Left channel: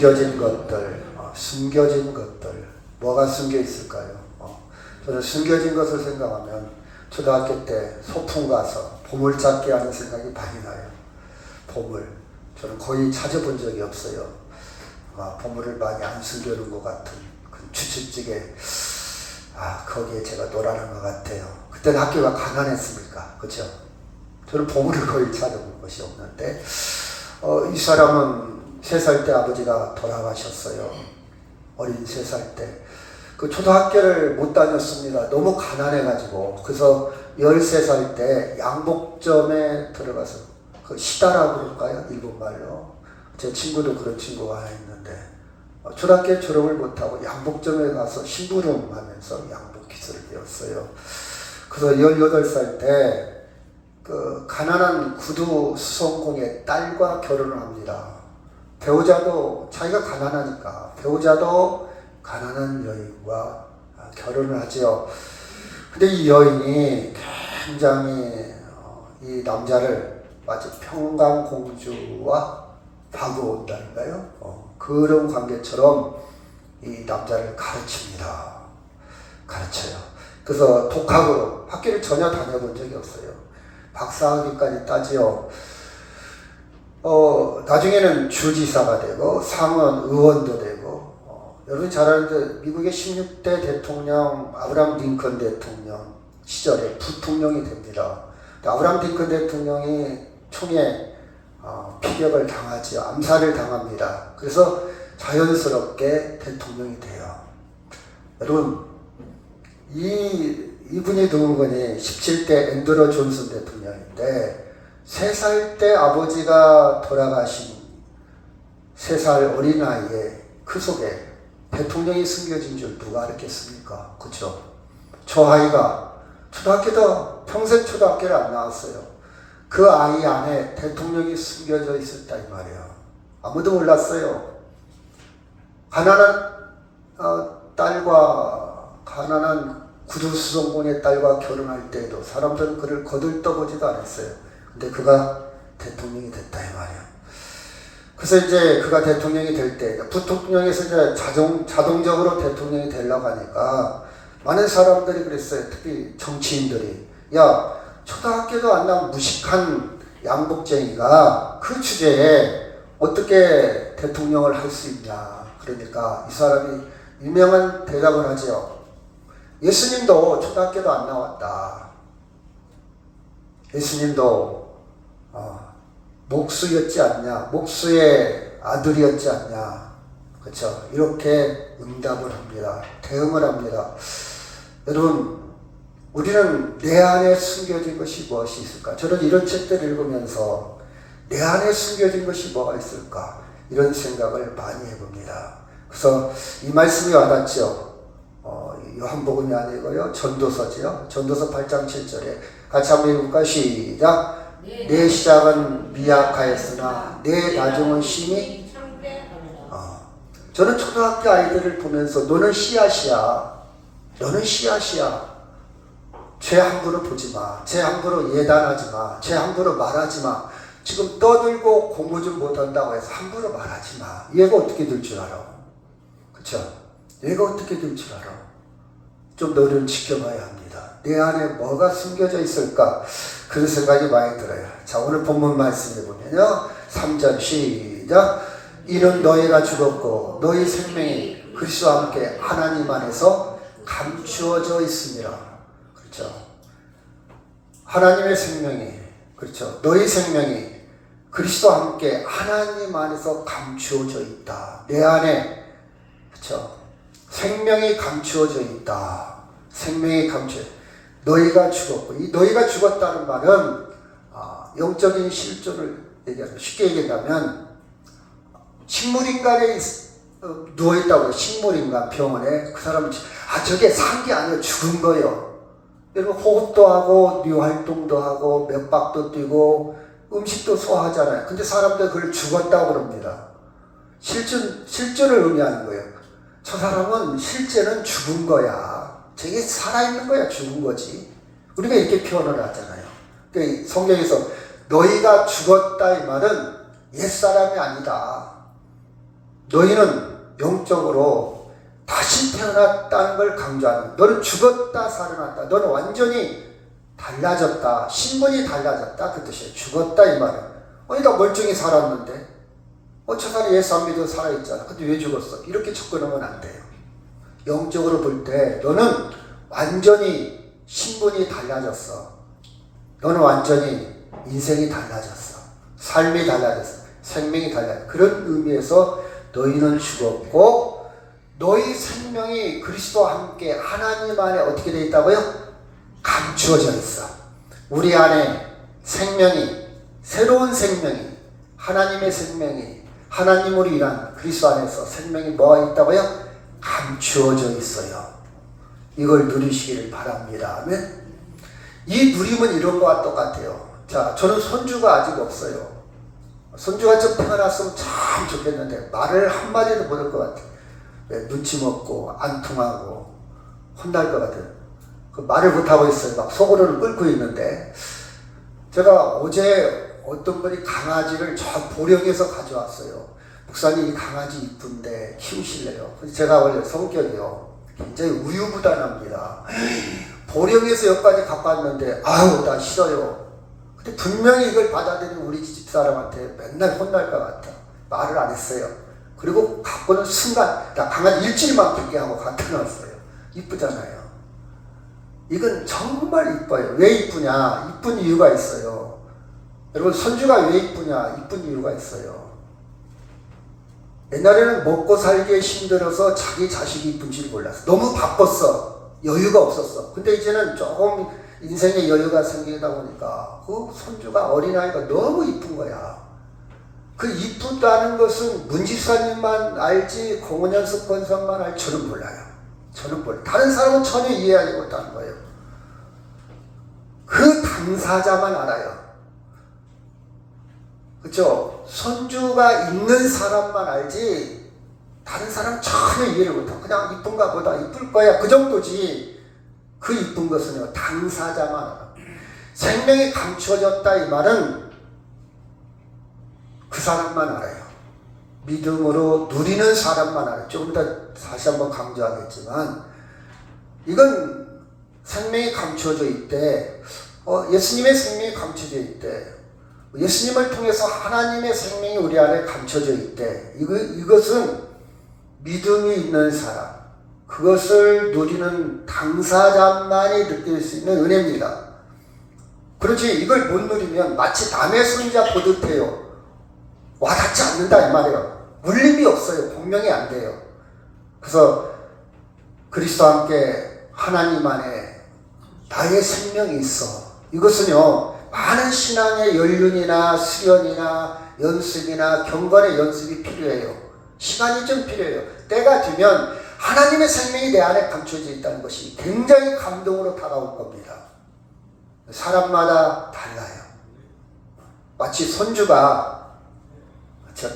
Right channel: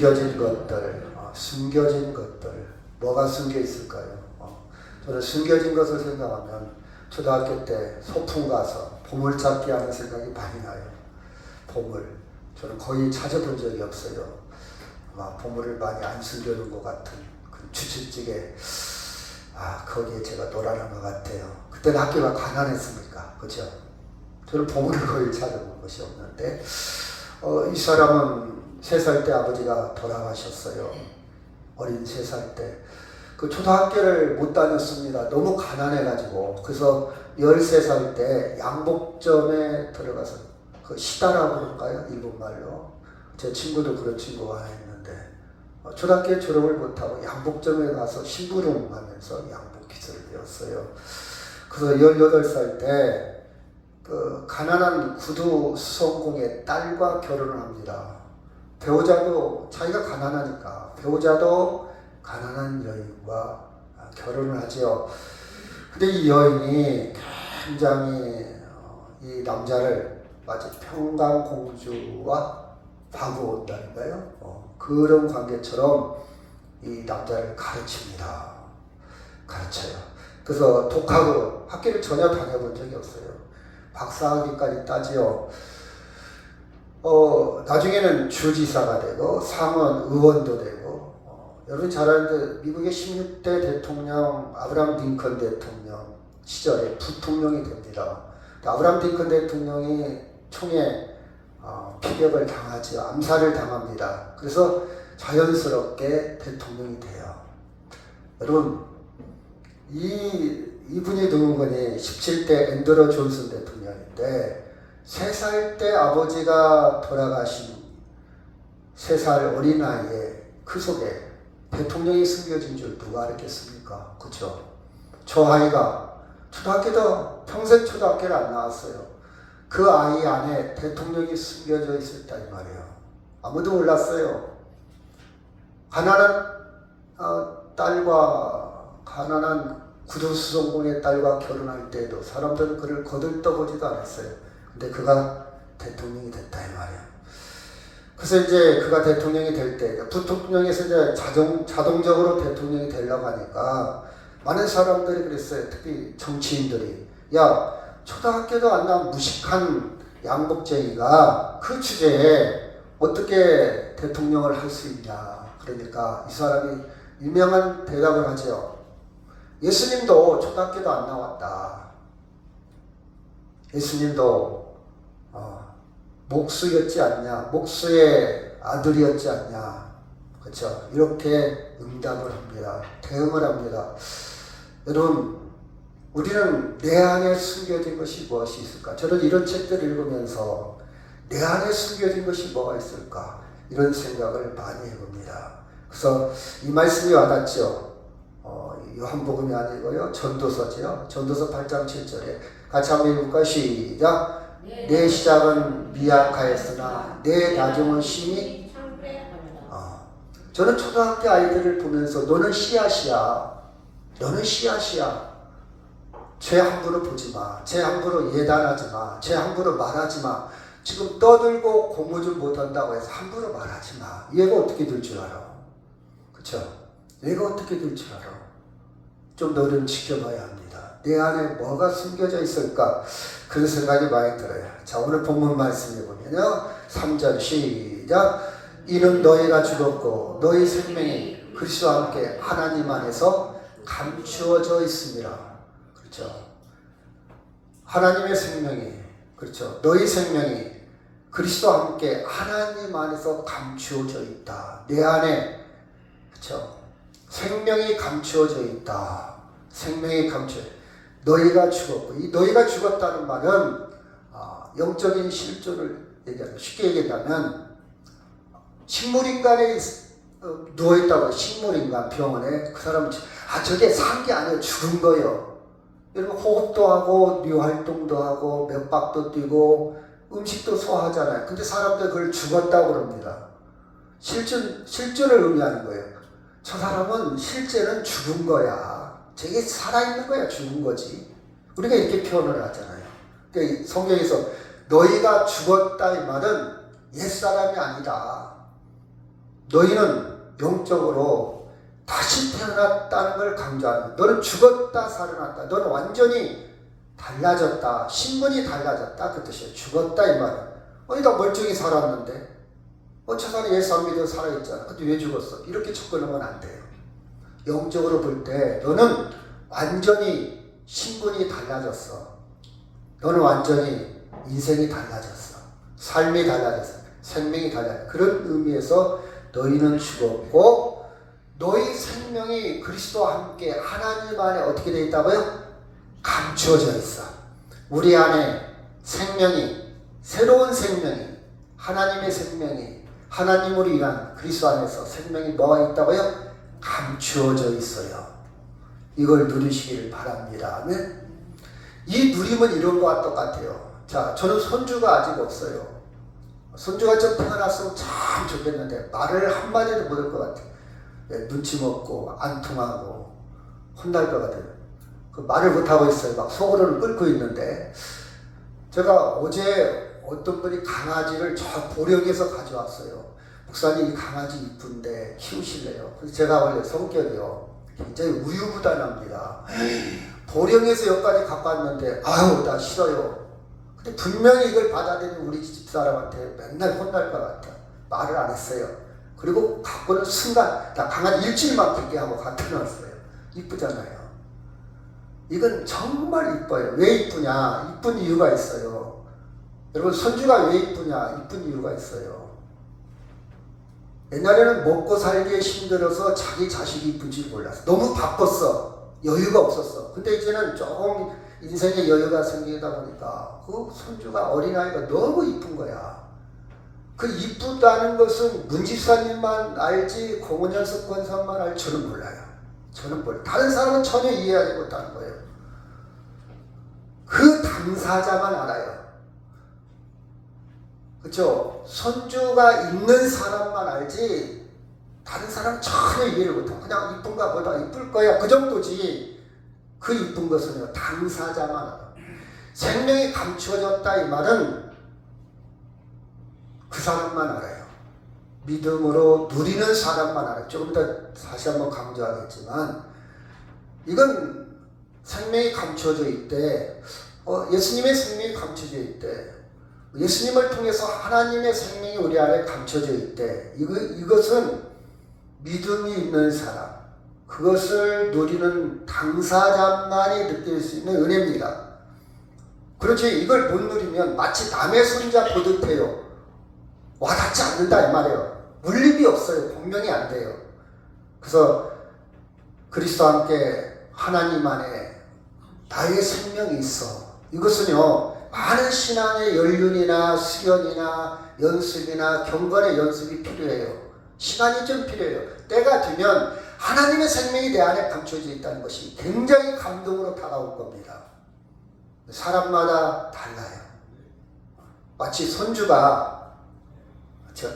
숨겨진 것들, 숨겨진 것들, 뭐가 숨겨 있을까요? 저는 숨겨진 것을 생각하면 초등학교 때 소풍 가서 보물찾기 하는 생각이 많이 나요. 보물. 저는 거의 찾아본 적이 없어요. 보물을 많이 안 숨겨놓은 것 같은 그 추측지게 거기에 제가 놀아난 것 같아요. 그때는 학교가 가난했으니까, 그렇죠? 저는 보물을 거의 찾아본 것이 없는데 이 사람은 3살 때 아버지가 돌아가셨어요. 어린 3살 때. 그 초등학교를 못 다녔습니다. 너무 가난해가지고. 그래서 13살 때 양복점에 들어가서 그 시다라고 그럴까요? 일본말로. 제 친구도 그런 친구가 있는데 초등학교 졸업을 못하고 양복점에 가서 심부름 하면서 양복 기술을 배웠어요. 그래서 18살 때 그 가난한 구두 수송공의 딸과 결혼을 합니다. 배우자도 자기가 가난하니까 배우자도 가난한 여인과 결혼을 하죠. 근데 이 여인이 굉장히 이 남자를 마치 평강공주와 바구온다니까요. 그런 관계처럼 이 남자를 가르칩니다. 가르쳐요. 그래서 독학으로 학교를 전혀 다녀본 적이 없어요. 박사학위까지 따지요. 나중에는 주지사가 되고 상원 의원도 되고 여러분 잘 아는데 미국의 16대 대통령 아브라함 링컨 대통령 시절에 부통령이 됩니다. 아브라함 링컨 대통령이 총에 피격을 당하죠. 암살을 당합니다. 그래서 자연스럽게 대통령이 돼요. 여러분 이분이 누군가니 17대 앤드루 존슨 대통령인데 3살 때 아버지가 돌아가신 3살 어린 아이의 그 속에 대통령이 숨겨진 줄 누가 알겠습니까? 그렇죠? 저 아이가 평생 초등학교를 안 나왔어요. 그 아이 안에 대통령이 숨겨져 있었다 이 말이에요. 아무도 몰랐어요. 가난한 구두수송공의 딸과 결혼할 때에도 사람들은 그를 거들떠보지도 않았어요. 근데 그가 대통령이 됐다 이 말이에요. 그래서 이제 그가 대통령이 될 때 부통령에서 이제 자동적으로 대통령이 되려고 하니까 많은 사람들이 그랬어요. 특히 정치인들이 야 초등학교도 안 나온 무식한 양복쟁이가 그 주제에 어떻게 대통령을 할 수 있냐. 그러니까 이 사람이 유명한 대답을 하죠. 예수님도 초등학교도 안 나왔다. 예수님도 목수였지 않냐. 목수의 아들이었지 않냐. 그렇죠? 이렇게 응답을 합니다. 대응을 합니다. 여러분 우리는 내 안에 숨겨진 것이 무엇이 있을까? 저는 이런 책들을 읽으면서 내 안에 숨겨진 것이 뭐가 있을까? 이런 생각을 많이 해봅니다. 그래서 이 말씀이 와닿죠. 요한복음이 아니고요. 전도서지요. 전도서 8장 7절에 같이 한번 읽을까요? 시작. 내 시작은 미약하였으나 내 나중은 심히 저는 초등학교 아이들을 보면서 너는 씨앗이야. 너는 씨앗이야. 죄 함부로 보지 마. 죄 함부로 예단하지 마. 죄 함부로 말하지 마. 지금 떠들고 공부 좀 못한다고 해서 함부로 말하지 마. 얘가 어떻게 될 줄 알아? 그쵸? 얘가 어떻게 될 줄 알아? 좀 너를 지켜봐야 합니다. 내 안에 뭐가 숨겨져 있을까? 그런 생각이 많이 들어요. 자, 오늘 본문 말씀을 보면요. 3절 시작. 이는 너희가 죽었고 너희 생명이 그리스도와 함께 하나님 안에서 감추어져 있습니다. 그렇죠? 하나님의 생명이 그렇죠. 너희 생명이 그리스도와 함께 하나님 안에서 감추어져 있다. 내 안에 그렇죠. 생명이 감추어져 있다. 생명이 감추어. 너희가 죽었고 이 너희가 죽었다는 말은 영적인 실존을 얘기하면 쉽게 얘기하면 식물인간에 누워있다고 식물인간 병원에 그 사람은 저게 산 게 아니에요. 죽은 거예요. 여러분 호흡도 하고 뇌활동도 하고 맥박도 뛰고 음식도 소화하잖아요. 근데 사람들 그걸 죽었다고 그럽니다. 실존을 의미하는 거예요. 저 사람은 실제는 죽은 거야. 저게 살아있는 거야. 죽은 거지. 우리가 이렇게 표현을 하잖아요. 그러니까 성경에서 너희가 죽었다 이 말은 옛사람이 아니다. 너희는 영적으로 다시 태어났다는 걸 강조하는, 너는 죽었다 살아났다, 너는 완전히 달라졌다, 신분이 달라졌다, 그 뜻이에요. 죽었다 이 말은. 나 멀쩡히 살았는데 저 사람이 예수 안 믿어 살아있잖아, 근데 왜 죽었어? 이렇게 접근하면 안 돼요. 영적으로 볼 때 너는 완전히 신분이 달라졌어. 너는 완전히 인생이 달라졌어. 삶이 달라졌어. 생명이 달라졌어. 그런 의미에서 너희는 죽었고 너희 생명이 그리스도와 함께 하나님 안에 어떻게 되어 있다고요? 감추어져 있어. 우리 안에 생명이, 새로운 생명이, 하나님의 생명이, 하나님으로 일한 그리스도 안에서 생명이 뭐가 있다고요? 감추어져 있어요. 이걸 누리시기를 바랍니다. 아멘. 이 누림은 이런 거와 똑같아요. 자, 저는 손주가 아직 없어요. 손주가 좀 태어났으면 참 좋겠는데 말을 한마디도 못할 것 같아요. 눈치 먹고 안 통하고 혼날 것 같아요. 그 말을 못하고 있어요. 막 속으로는 끓고 있는데, 제가 어제 어떤 분이 강아지를 저 보령에서 가져왔어요. 목사님 이 강아지 이쁜데 키우실래요? 제가 원래 성격이요 굉장히 우유부단합니다. 보령에서 여기까지 갖고 왔는데 아유 나 싫어요. 근데 분명히 이걸 받아들이는 우리 집사람한테 맨날 혼날 것 같아. 말을 안 했어요. 그리고 갖고는 순간 나 강아지 일주일만 크게 하고 갖다 놨어요. 이쁘잖아요. 이건 정말 이뻐요. 왜 이쁘냐? 이쁜 이유가 있어요. 여러분 손주가 왜 이쁘냐? 이쁜 이유가 있어요. 옛날에는 먹고 살기에 힘들어서 자기 자식이 이쁜 줄 몰랐어. 너무 바빴어. 여유가 없었어. 근데 이제는 조금 인생에 여유가 생기다 보니까 그 손주가 어린아이가 너무 이쁜 거야. 그 이쁘다는 것은 문집사님만 알지 공원연습 권사만 알지 저는 몰라요. 저는 몰라요. 다른 사람은 전혀 이해하지 못하는 거예요. 그 당사자만 알아요. 그렇죠? 손주가 있는 사람만 알지 다른 사람은 전혀 이해를 못하고 그냥 이쁜가 보다 이쁠 거야 그 정도지. 그 이쁜 것은 당사자만 알아요. 생명이 감추어졌다 이 말은 그 사람만 알아요. 믿음으로 누리는 사람만 알아요. 조금 더 다시 한번 강조하겠지만 이건 생명이 감추어져 있대. 예수님의 생명이 감추어져 있대. 예수님을 통해서 하나님의 생명이 우리 안에 감춰져 있대. 이것은 믿음이 있는 사람, 그것을 누리는 당사자만이 느낄 수 있는 은혜입니다. 그렇지 이걸 못 누리면 마치 남의 손자 보듯 해요. 와닿지 않는다 이 말이에요. 물림이 없어요. 공명이 안 돼요. 그래서 그리스도와 함께 하나님 안에 나의 생명이 있어. 이것은요 많은 신앙의 연륜이나 수련이나 연습이나 경건의 연습이 필요해요. 시간이 좀 필요해요. 때가 되면 하나님의 생명이 내 안에 감춰져 있다는 것이 굉장히 감동으로 다가올 겁니다. 사람마다 달라요. 마치 손주가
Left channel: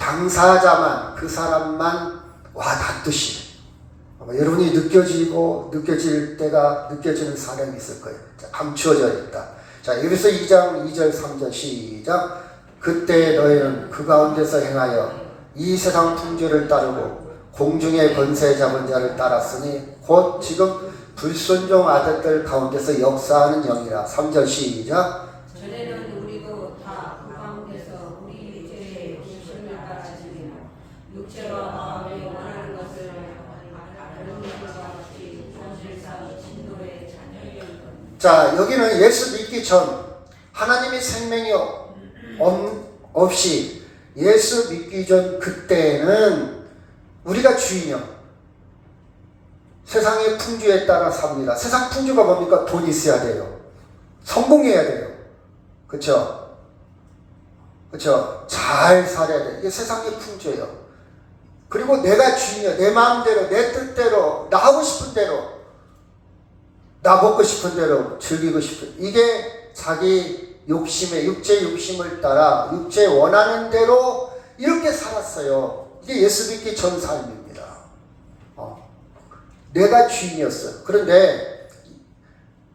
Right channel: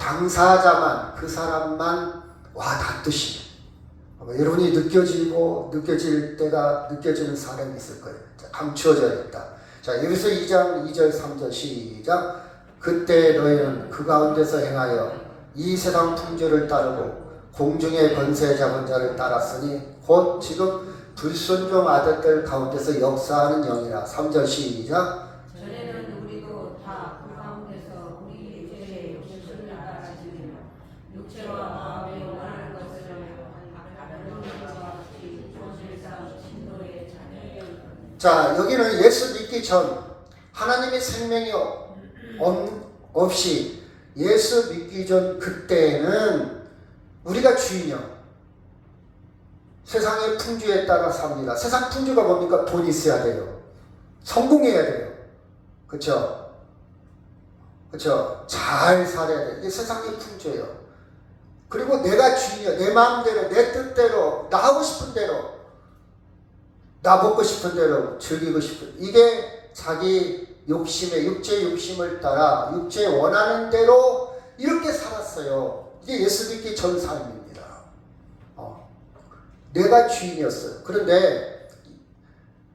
당사자만 그 사람만 와닿듯이 여러분이 느껴질 때가 느껴지는 사람이 있을 거예요. 감추어져 있다. 자, 여기서 2장 2절 3절 시작. 그때 너희는 그 가운데서 행하여 이 세상 풍조를 따르고 공중의 권세 잡은 자를 따랐으니 곧 지금 불순종 아들들 가운데서 역사하는 영이라. 3절 시작. 전에는 우리도 다 그 가운데서 우리 죄의 욕심을 따르며 육체와 마음에 원하는 것을 하는 것과 같이 본질상 진노의 자녀이었다. 자, 여기는 예수 믿기 전 하나님의 생명이 없이 예수 믿기 전 그때에는 우리가 주인이요 세상의 풍조에 따라 삽니다. 세상 풍조가 뭡니까? 돈 있어야 돼요. 성공해야 돼요. 그렇죠? 그렇죠? 잘 살아야 돼요. 이게 세상의 풍조예요. 그리고 내가 주인이야. 내 마음대로, 내 뜻대로, 나 하고 싶은 대로, 나 먹고 싶은 대로, 즐기고 싶은, 이게 자기 욕심에, 육체 욕심을 따라 육체 원하는 대로 이렇게 살았어요. 이게 예수 믿기 전 삶입니다. 내가 주인이었어요. 그런데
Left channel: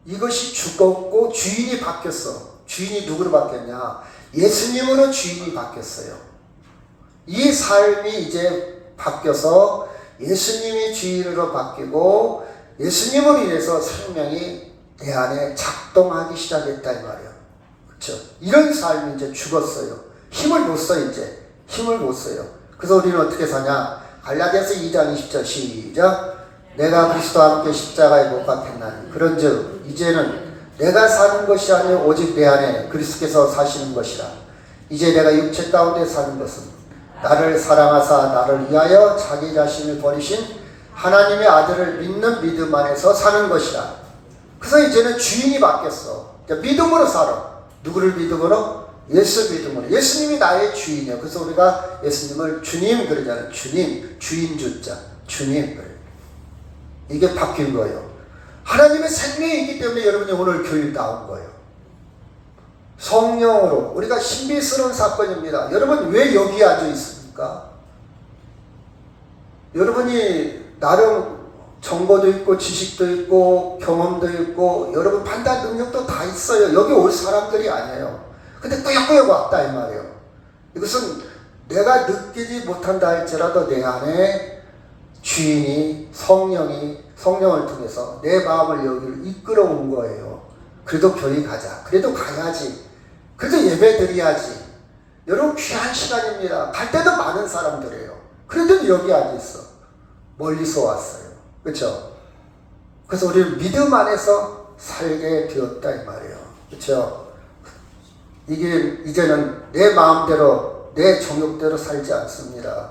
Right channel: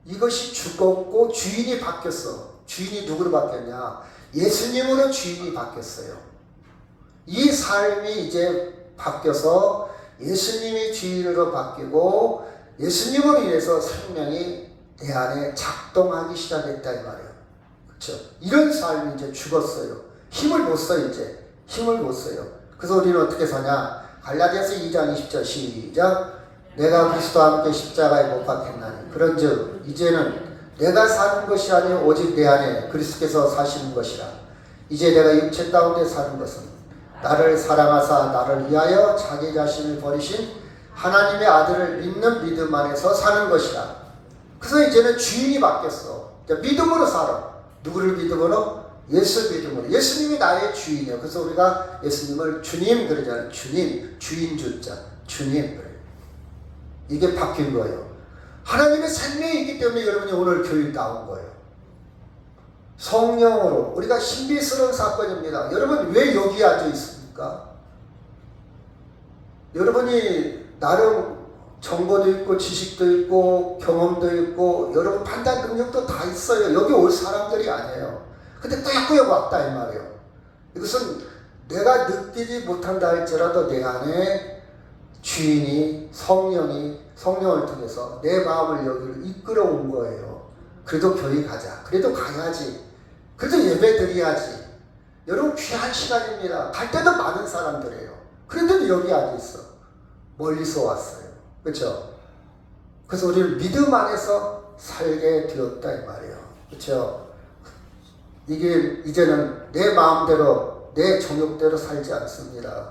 이것이 죽었고 주인이 바뀌었어. 주인이 누구로 바뀌었냐? 예수님으로 주인이 바뀌었어요. 이 삶이 이제 바뀌어서 예수님이 주인으로 바뀌고 예수님으로 인해서 생명이 내 안에 작동하기 시작했다 이 말이에요. 그렇죠? 이런 삶이 이제 죽었어요. 힘을 못 써 이제. 힘을 못 써요. 그래서 우리는 어떻게 사냐? 갈라디아서 2장 20절 시작. 내가 그리스도와 함께 십자가에 못 박혔나니 그런즉 이제는 내가 사는 것이 아니요 오직 내 안에 그리스도께서 사시는 것이라. 이제 내가 육체 가운데 사는 것은 나를 사랑하사 나를 위하여 자기 자신을 버리신 하나님의 아들을 믿는 믿음 안에서 사는 것이라. 그래서 이제는 주인이 바뀌었어. 믿음으로 살아. 누구를 믿음으로? 예수 믿음으로. 예수님이 나의 주인이요. 그래서 우리가 예수님을 주님 그러잖아요. 주님, 주인 주자, 주님 그래요. 이게 바뀐 거예요. 하나님의 생명이 있기 때문에 여러분이 오늘 교회 나온 거예요. 성령으로. 우리가 신비스러운 사건입니다. 여러분 왜 여기 앉아 있습니까? 여러분이 나름 정보도 있고 지식도 있고 경험도 있고 여러분 판단 능력도 다 있어요. 여기 올 사람들이 아니에요. 근데 꾸역꾸역 왔다 이 말이에요. 이것은 내가 느끼지 못한다 할지라도 내 안에 주인이 성령을 통해서 내 마음을 여기를 이끌어 온 거예요. 그래도 교회 가자. 그래도 가야지. 그래도 예배 드려야지. 여러분 귀한 시간입니다. 갈 때도 많은 사람들이에요. 그런데도 여기 앉아 있어. 멀리서 왔어요. 그렇죠? 그래서 우리는 믿음 안에서 살게 되었다 이 말이에요. 그렇죠? 이게 이제는 내 마음대로 내 정욕대로 살지 않습니다.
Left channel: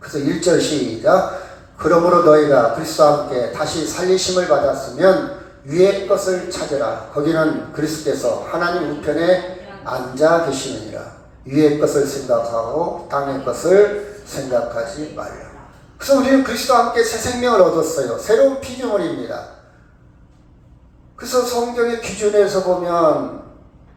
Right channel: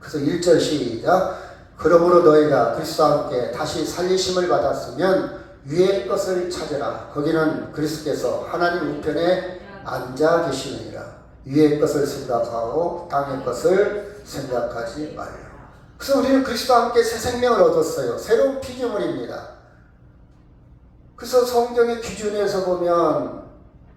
그래서 1절 시작. 그러므로 너희가 그리스도와 함께 다시 살리심을 받았으면 위의 것을 찾으라. 거기는 그리스도께서 하나님 우편에 앉아 계시느니라. 위의 것을 생각하고 땅의 것을 생각하지 말라. 그래서 우리는 그리스도와 함께 새 생명을 얻었어요. 새로운 피조물입니다. 그래서 성경의 기준에서 보면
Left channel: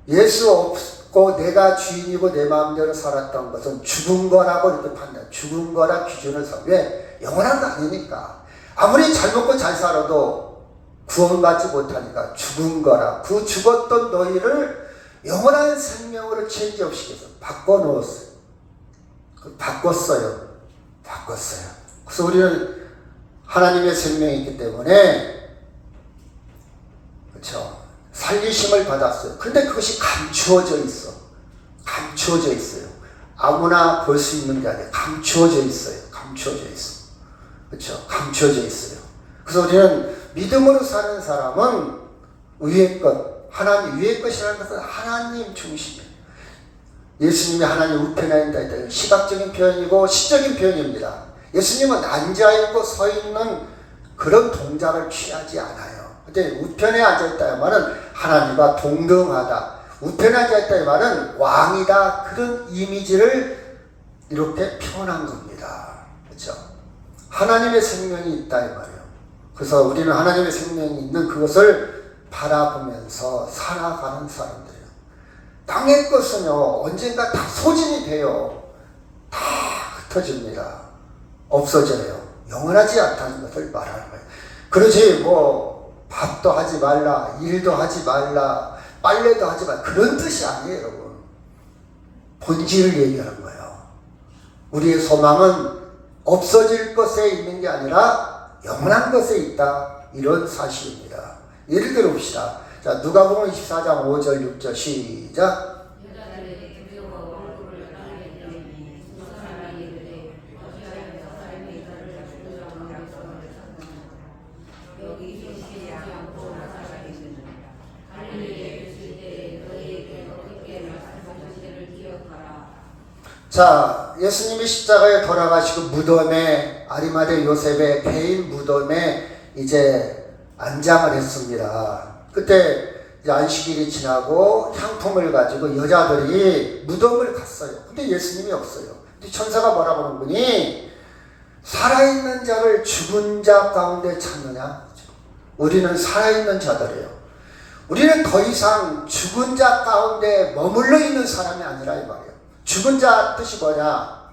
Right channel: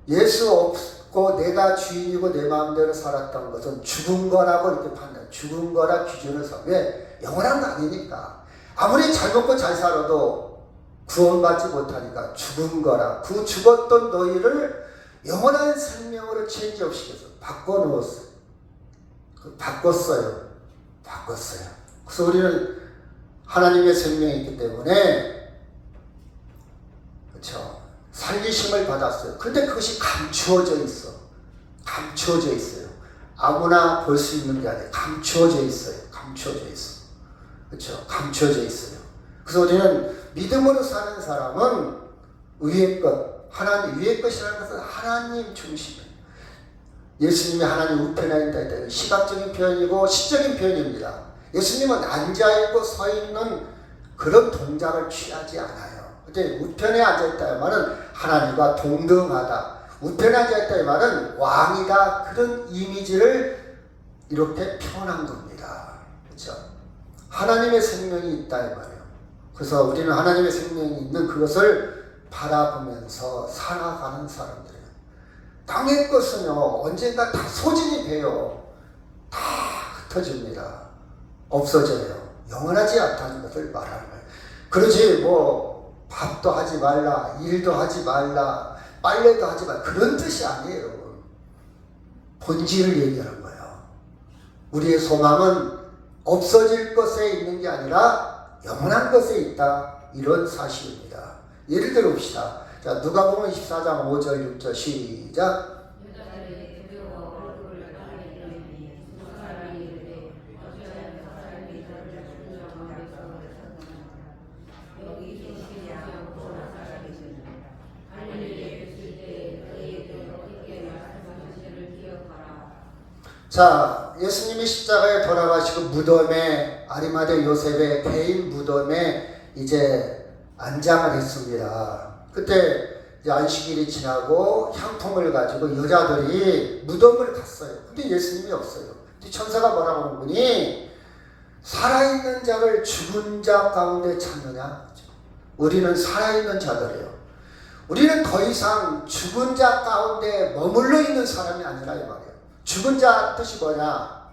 예수 없고 내가 주인이고 내 마음대로 살았던 것은 죽은 거라고 이렇게 판단. 죽은 거라 기준을 서. 왜? 영원한 거 아니니까. 아무리 잘 먹고 잘 살아도 구원받지 못하니까 죽은 거라. 그 죽었던 너희를 영원한 생명으로 체인지업시켜서 바꿔놓았어요. 바꿨어요. 그래서 우리는 하나님의 생명이 있기 때문에 그렇죠. 살리심을 받았어요. 근데 그것이 감추어져 있어요. 아무나 볼 수 있는 게 아니에요. 감추어져 있어요. 그렇죠. 감추어져 있어요. 그래서 우리는 믿음으로 사는 사람은 위의 것, 하나님 위의 것이라는 것은 하나님 중심이에요. 예수님이 하나님 우편에 앉아 있다. 시각적인 표현이고 시적인 표현입니다. 예수님은 앉아있고 서있는 그런 동작을 취하지 않아요. 근데 우편에 앉아있다는 말은 하나님과 동등하다. 우편에 앉아있다는 말은 왕이다. 그런 이미지를 이렇게 표현한 겁니다. 그렇죠? 하나님의 생명이 있다 이 말이에요. 그래서 우리는 하나님의 생명이 있는 그것을 바라보면서 살아가는 사람들이에요. 땅의 것은요 언젠가 다 소진이 돼요. 다 흩어집니다. 없어져요. 영원하지 않다는 것을 말하는 거예요. 그러지 뭐 밥도 하지 말라, 일도 하지 말라, 빨래도 하지 말라 그런 뜻이 아니에요. 여러분. 본질을 얘기하는 거예요. 우리의 소망은 없어질 것에 있는 게 아니라 영원한 것에 있다. 이런 사실입니다. 예를 들어 봅시다. 자, 누가복음 24장 5절 6절 시작. 자, 예수님이 십자가에 돌아가시고 무덤에 아리마대 요셉의 개인 무덤에 이제 안장을 했습니다. 그때 이제 안식일이 지나고 향품을 가지고 여자들이 무덤을 갔어요. 근데 예수님이 없어요. 근데 천사가 뭐라고 하는 분이 살아있는 자를 죽은 자 가운데 찾느냐? 우리는 살아있는 자들이에요. 우리는 더 이상 죽은 자 가운데 머물러 있는 사람이 아니라 이 말이에요. 죽은 자 뜻이 뭐냐?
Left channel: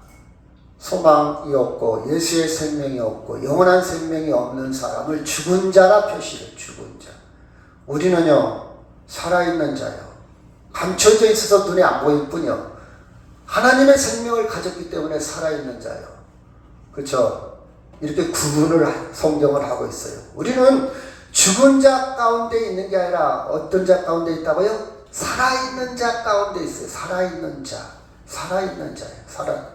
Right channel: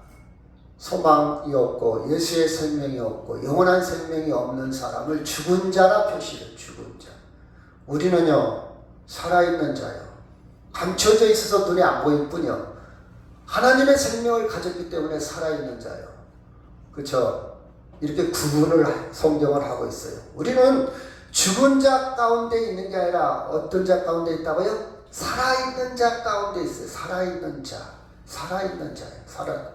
소망이 없고 예수의 생명이 없고 영원한 생명이 없는 사람을 죽은 자라 표시해요. 죽은 자. 우리는요 살아있는 자요. 감춰져 있어서 눈에 안 보일 뿐이요. 하나님의 생명을 가졌기 때문에 살아있는 자요. 그렇죠? 이렇게 구분을 성경을 하고 있어요. 우리는 죽은 자 가운데 있는 게 아니라 어떤 자 가운데 있다고요? 살아있는 자 가운데 있어요. 살아있는 자. 살아있는 자예요.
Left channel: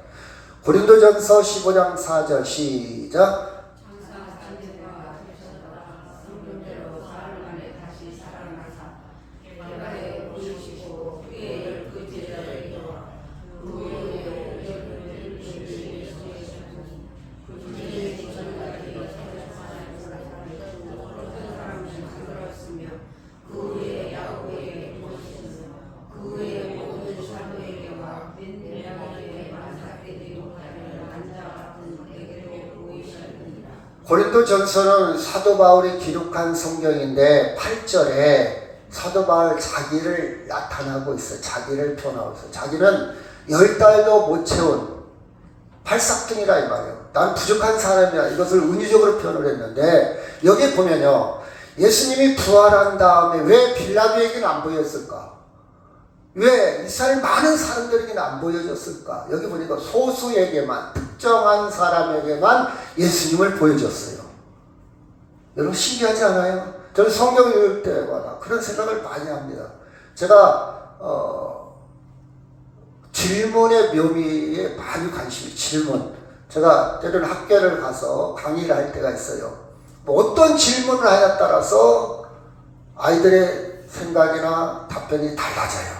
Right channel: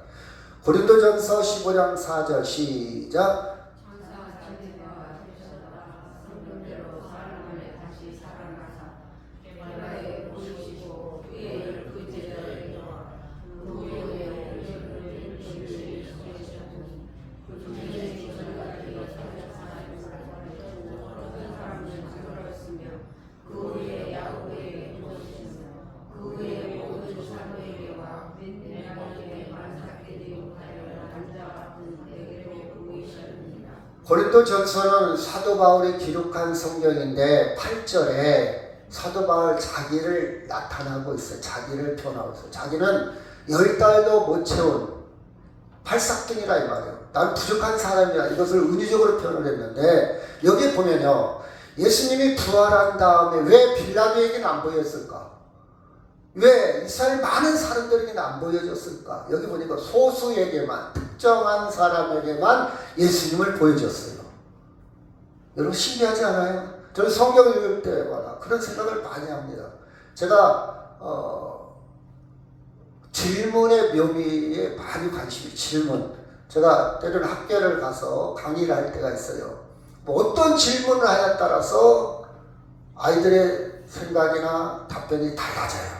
고린도전서 15장 4절 시작. 고린도전서는 사도 바울이 기록한 성경인데 8절에 사도 바울 자기를 나타나고 있어요. 자기를 표현하고 있어요. 자기는 10달도 못 채운 팔싹둥이라 이 말이에요. 난 부족한 사람이야. 이것을 은유적으로 표현을 했는데 여기 보면요. 예수님이 부활한 다음에 왜 빌라도에게는 안 보였을까? 왜 이스라엘 많은 사람들에게는 안 보여줬을까? 여기 보니까 소수에게만, 특정한 사람에게만 예수님을 보여줬어요. 여러분 신기하지 않아요? 저는 성경을 읽을 때마다 그런 생각을 많이 합니다. 제가 질문의 묘미에 많이 관심이 질문. 제가 때로는 학교를 가서 강의를 할 때가 있어요. 뭐 어떤 질문을 하냐에 따라서 아이들의 생각이나 답변이 달라져요.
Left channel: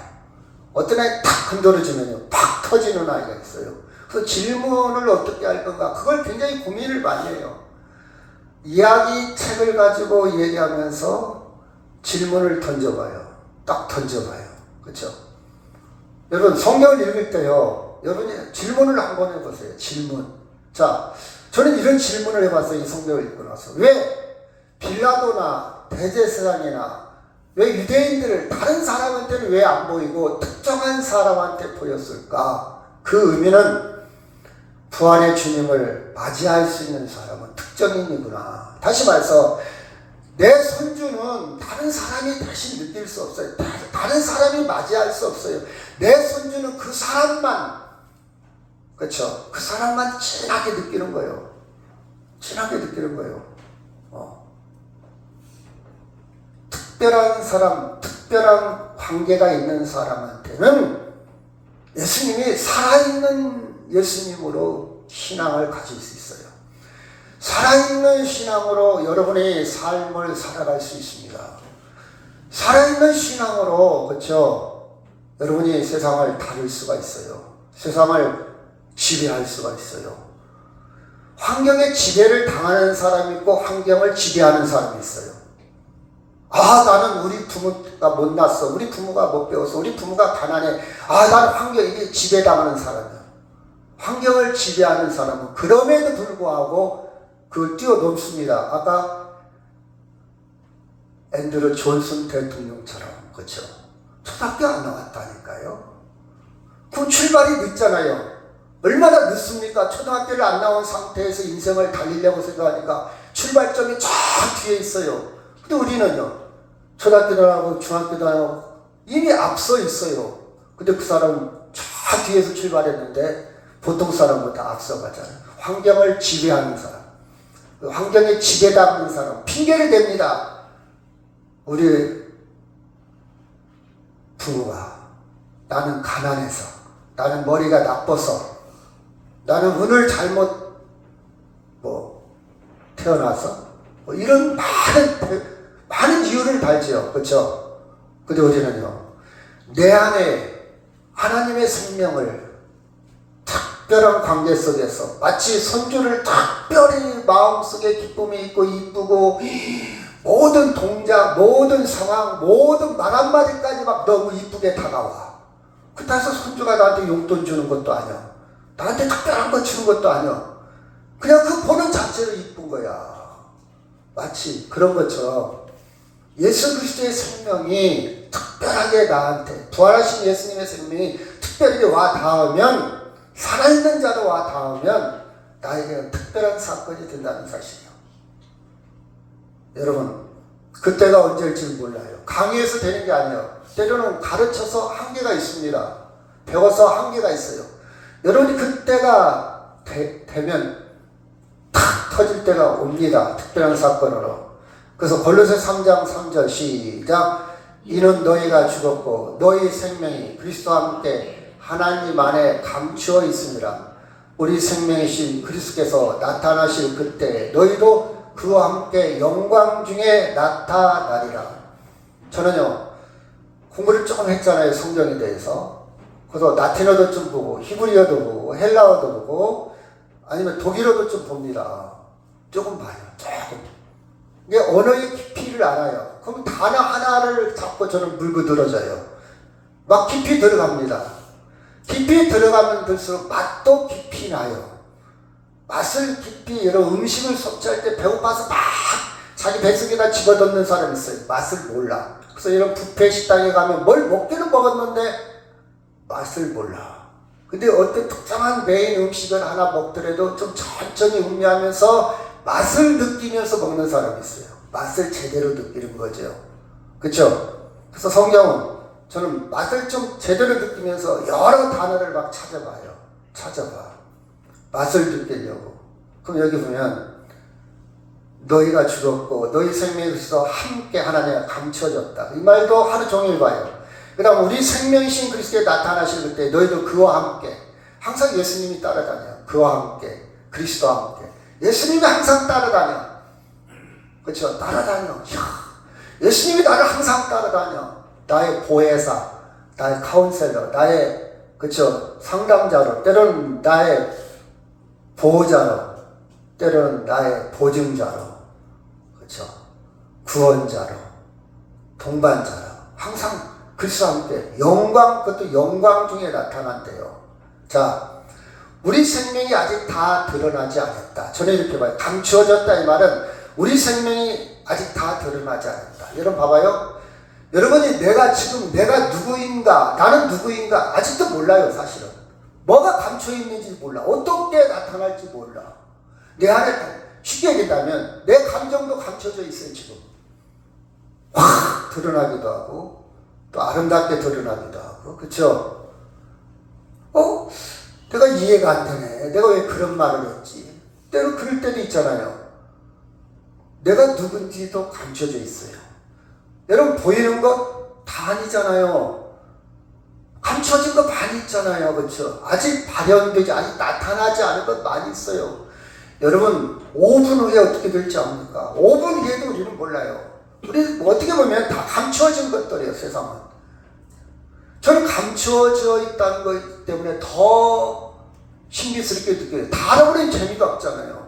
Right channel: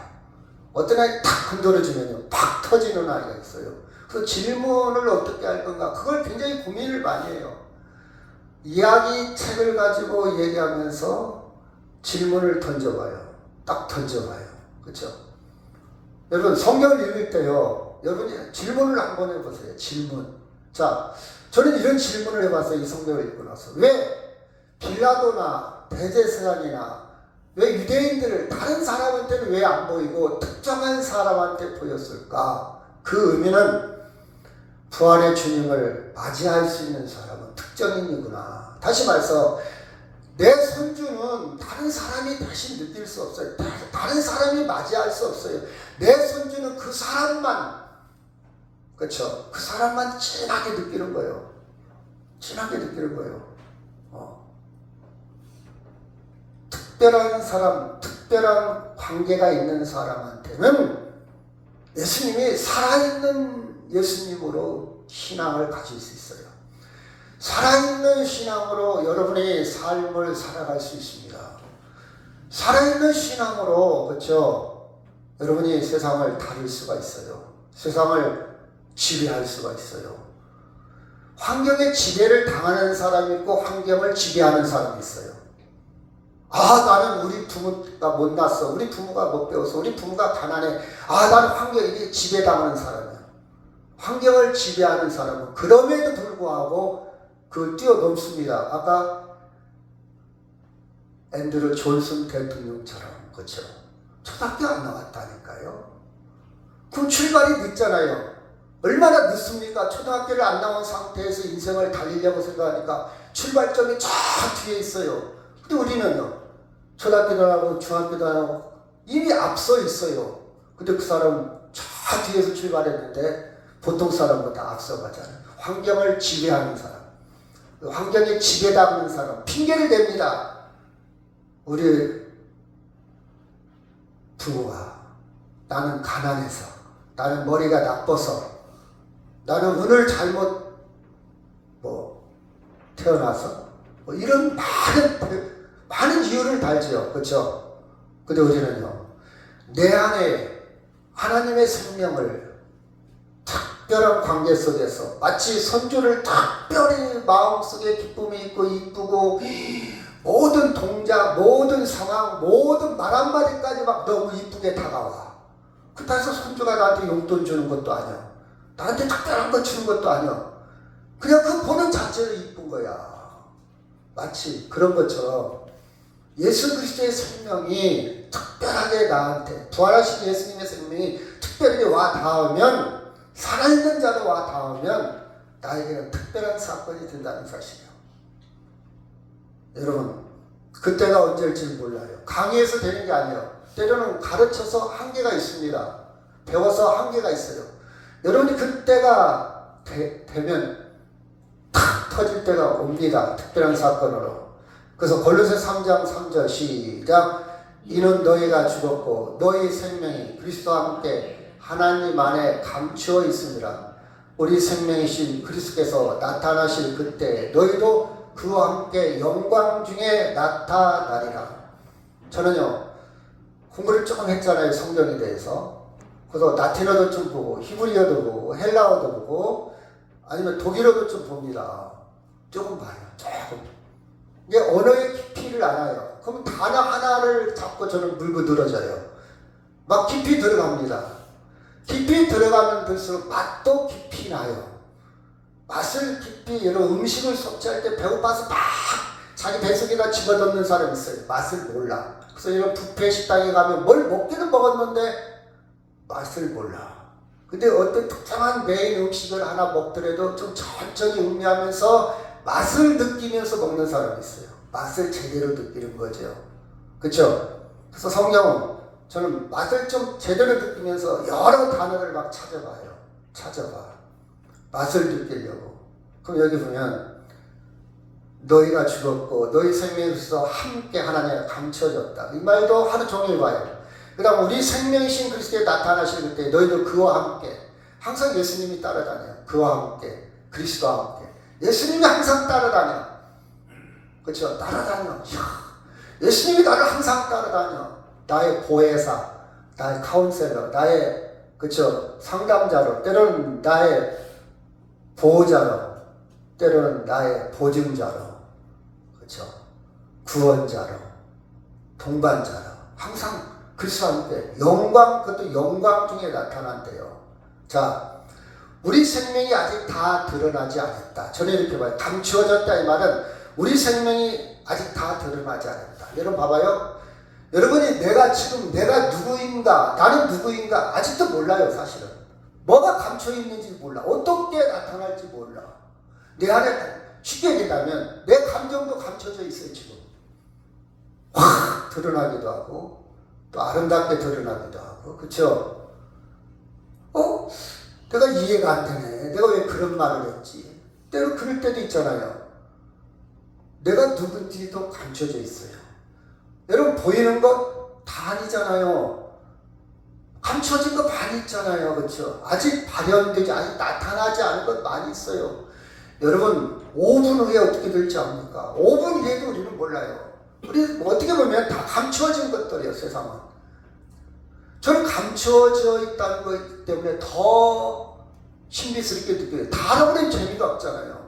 어떤 애 탁 흔들어주면요 팍 터지는 아이가 있어요. 그래서 질문을 어떻게 할 건가 그걸 굉장히 고민을 많이 해요. 이야기 책을 가지고 얘기하면서 질문을 던져봐요. 딱 던져봐요. 그렇죠? 여러분 성경을 읽을 때요 여러분이 질문을 한번 해보세요. 질문. 자, 저는 이런 질문을 해봤어요. 이 성경을 읽고 나서. 왜 빌라도나 대제사장이나 왜 유대인들을 다른 사람한테는 왜 안 보이고 특정한 사람한테 보였을까? 그 의미는 부활의 주님을 맞이할 수 있는 사람은 특정인이구나. 다시 말해서 내 손주는 다른 사람이 대신 느낄 수 없어요. 다른 사람이 맞이할 수 없어요. 내 손주는 그 사람만, 그렇죠? 그 사람만 진하게 느끼는 거예요. 진하게 느끼는 거예요. 특별한 사람, 특별한 관계가 있는 사람한테는 예수님이 살아있는 예수님으로 신앙을 가질 수 있어요. 살아있는 신앙으로 여러분의 삶을 살아갈 수 있습니다. 살아있는 신앙으로, 그렇죠? 여러분이 세상을 다룰 수가 있어요. 세상을 지배할 수가 있어요. 환경에 지배를 당하는 사람이 있고 환경을 지배하는 사람이 있어요. 나는 우리 부모가 못났어. 우리 부모가 못 배워서. 우리 부모가 가난해. 나는 환경에 지배당하는 사람이야. 환경을 지배하는 사람은 그럼에도 불구하고 그걸 뛰어넘습니다. 아까 앤드루 존슨 대통령처럼. 그렇죠? 초등학교 안 나왔다니까요. 그럼 출발이 늦잖아요. 얼마나 늦습니까? 초등학교를 안 나온 상태에서 인생을 달리려고 생각하니까 출발점이 저 뒤에 있어요. 근데 우리는요. 초등학교도 안 하고 중학교도 안 하고 이미 앞서 있어요. 근데 그 사람은 저 뒤에서 출발했는데 보통 사람보다 앞서가잖아요. 환경을 지배하는 사람. 환경에 지배당하는 사람. 핑계를 댑니다. 우리 부모가 나는 가난해서 나는 머리가 나빠서 나는 운을 잘못 태어나서 이런 많은 이유를 달지요. 그렇죠? 근데 우리는요. 내 안에 하나님의 생명을 특별한 관계 속에서 마치 손주를 특별히 마음속에 기쁨이 있고 이쁘고 모든 동작, 모든 상황, 모든 말 한마디까지 막 너무 이쁘게 다가와. 그래서 손주가 나한테 용돈 주는 것도 아니야. 나한테 특별한 거 주는 것도 아니야. 그냥 그 보는 자체로 이쁜 거야. 마치 그런 것처럼 예수 그리스도의 생명이 특별하게 나한테 부활하신 예수님의 생명이 특별히 와 닿으면 살아있는 자로 와 닿으면 나에게는 특별한 사건이 된다는 사실이에요. 여러분 그때가 언제일지 몰라요. 강의해서 되는 게 아니에요. 때로는 가르쳐서 한계가 있습니다. 배워서 한계가 있어요. 여러분이 그때가 되면 터질 때가 옵니다. 특별한 사건으로. 그래서 골로새 3장 3절 시작. 이는 너희가 죽었고 너희 생명이 그리스도와 함께 하나님 안에 감추어 있습니다. 우리 생명이신 그리스도께서 나타나실 그때 너희도 그와 함께 영광 중에 나타나리라. 저는요 공부를 조금 했잖아요. 성경에 대해서. 그래서 라틴어도 좀 보고 히브리어도 보고 헬라어도 보고 아니면 독일어도 좀 봅니다. 조금 봐요. 조금. 이게 언어의 깊이를 알아요. 그럼 단어 하나를 잡고 저는 물고 늘어져요. 막 깊이 들어갑니다. 깊이 들어가면 들수록 맛도 깊이 나요. 맛을 깊이 여러 음식을 섭취할 때 배고파서 막 자기 뱃속에다 집어넣는 사람이 있어요. 맛을 몰라. 그래서 이런 뷔페 식당에 가면 뭘 먹기는 먹었는데 맛을 몰라. 근데 어떤 특정한 메인 음식을 하나 먹더라도 좀 천천히 음미하면서 맛을 느끼면서 먹는 사람이 있어요. 맛을 제대로 느끼는 거죠. 그렇죠? 그래서 성경은 저는 맛을 좀 제대로 느끼면서 여러 단어를 막 찾아봐. 맛을 느끼려고. 그럼 여기 보면 너희가 죽었고 너희 생명이 그리스도와 함께 하나님과 감춰졌다. 이 말도 하루 종일 봐요. 그 다음 우리 생명이신 그리스도에 나타나실 그때 너희도 그와 함께. 항상 예수님이 따라다녀요. 그와 함께. 그리스도와 함께. 예수님이 항상 따라다녀. 그렇죠? 따라다녀. 예수님이 나를 항상 따라다녀. 나의 보혜사, 나의 카운셀러, 나의 그렇죠? 상담자로, 때로는 나의 보호자로, 때로는 나의 보증자로, 그렇죠? 구원자로, 동반자로, 항상 그리스도와 함께 영광, 그것도 영광 중에 나타난대요. 자, 우리 생명이 아직 다 드러나지 않았다. 저는 이렇게 봐요. 감추어졌다 이 말은 우리 생명이 아직 다 드러나지 않았다. 여러분 봐봐요. 여러분이 내가 누구인가, 나는 누구인가 아직도 몰라요. 사실은 뭐가 감춰 있는지 몰라. 어떻게 나타날지 몰라. 내 안에 쉽게 얘기하면 내 감정도 감춰져 있어요. 지금 확 드러나기도 하고 또 아름답게 드러나기도 하고. 그렇죠? 내가 이해가 안 되네. 내가 왜 그런 말을 했지? 때로 그럴 때도 있잖아요. 내가 누군지도 감춰져 있어요. 여러분 보이는 거 다 아니잖아요. 감춰진 거 많이 있잖아요. 그렇죠? 아직 발현되지, 아직 나타나지 않은 것 많이 있어요. 여러분 5분 후에 어떻게 될지 압니까? 5분 후에도 우리는 몰라요. 우리 어떻게 보면 다 감춰진 것들이에요. 세상은. 저는 감춰져 있다는 것 때문에 더 신비스럽게 느껴요. 다 알아버리면 재미가 없잖아요.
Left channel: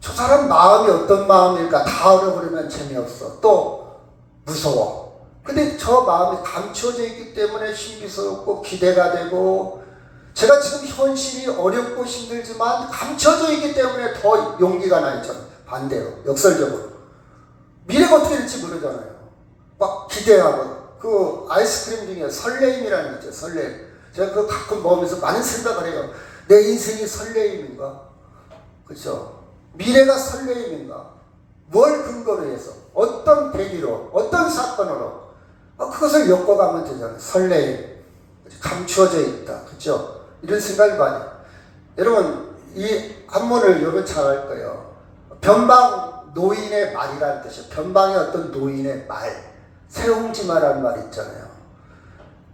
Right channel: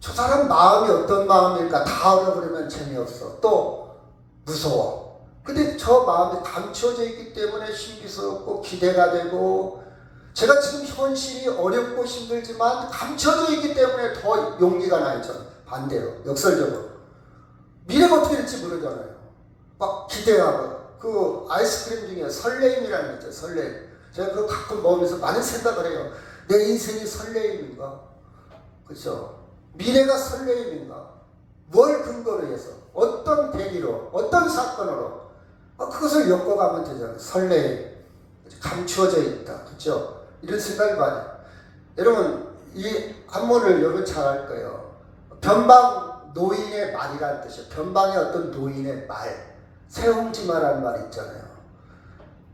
저 사람 마음이 어떤 마음일까 다 알아버리면 재미없어. 또 무서워. 근데 저 마음이 감춰져 있기 때문에 신비스럽고 기대가 되고, 제가 지금 현실이 어렵고 힘들지만 감춰져 있기 때문에 더 용기가 나요. 저는 반대로 역설적으로 미래가 어떻게 될지 모르잖아요. 막 기대하고. 그 아이스크림 중에 설레임이라는 거 있죠. 설레임. 제가 그거 가끔 먹으면서 많은 생각을 해요. 내 인생이 설레임인가? 그렇죠? 미래가 설레임인가? 뭘 근거로 해서? 어떤 계기로? 어떤 사건으로? 그것을 엮어가면 되잖아요. 설레임. 감추어져 있다. 그렇죠? 이런 생각을 많이 해요. 여러분 이 한문을 여러분 잘 알 거예요. 변방 노인의 말이라는 뜻이에요. 변방의 어떤 노인의 말. 세옹지마라는 말이 있잖아요.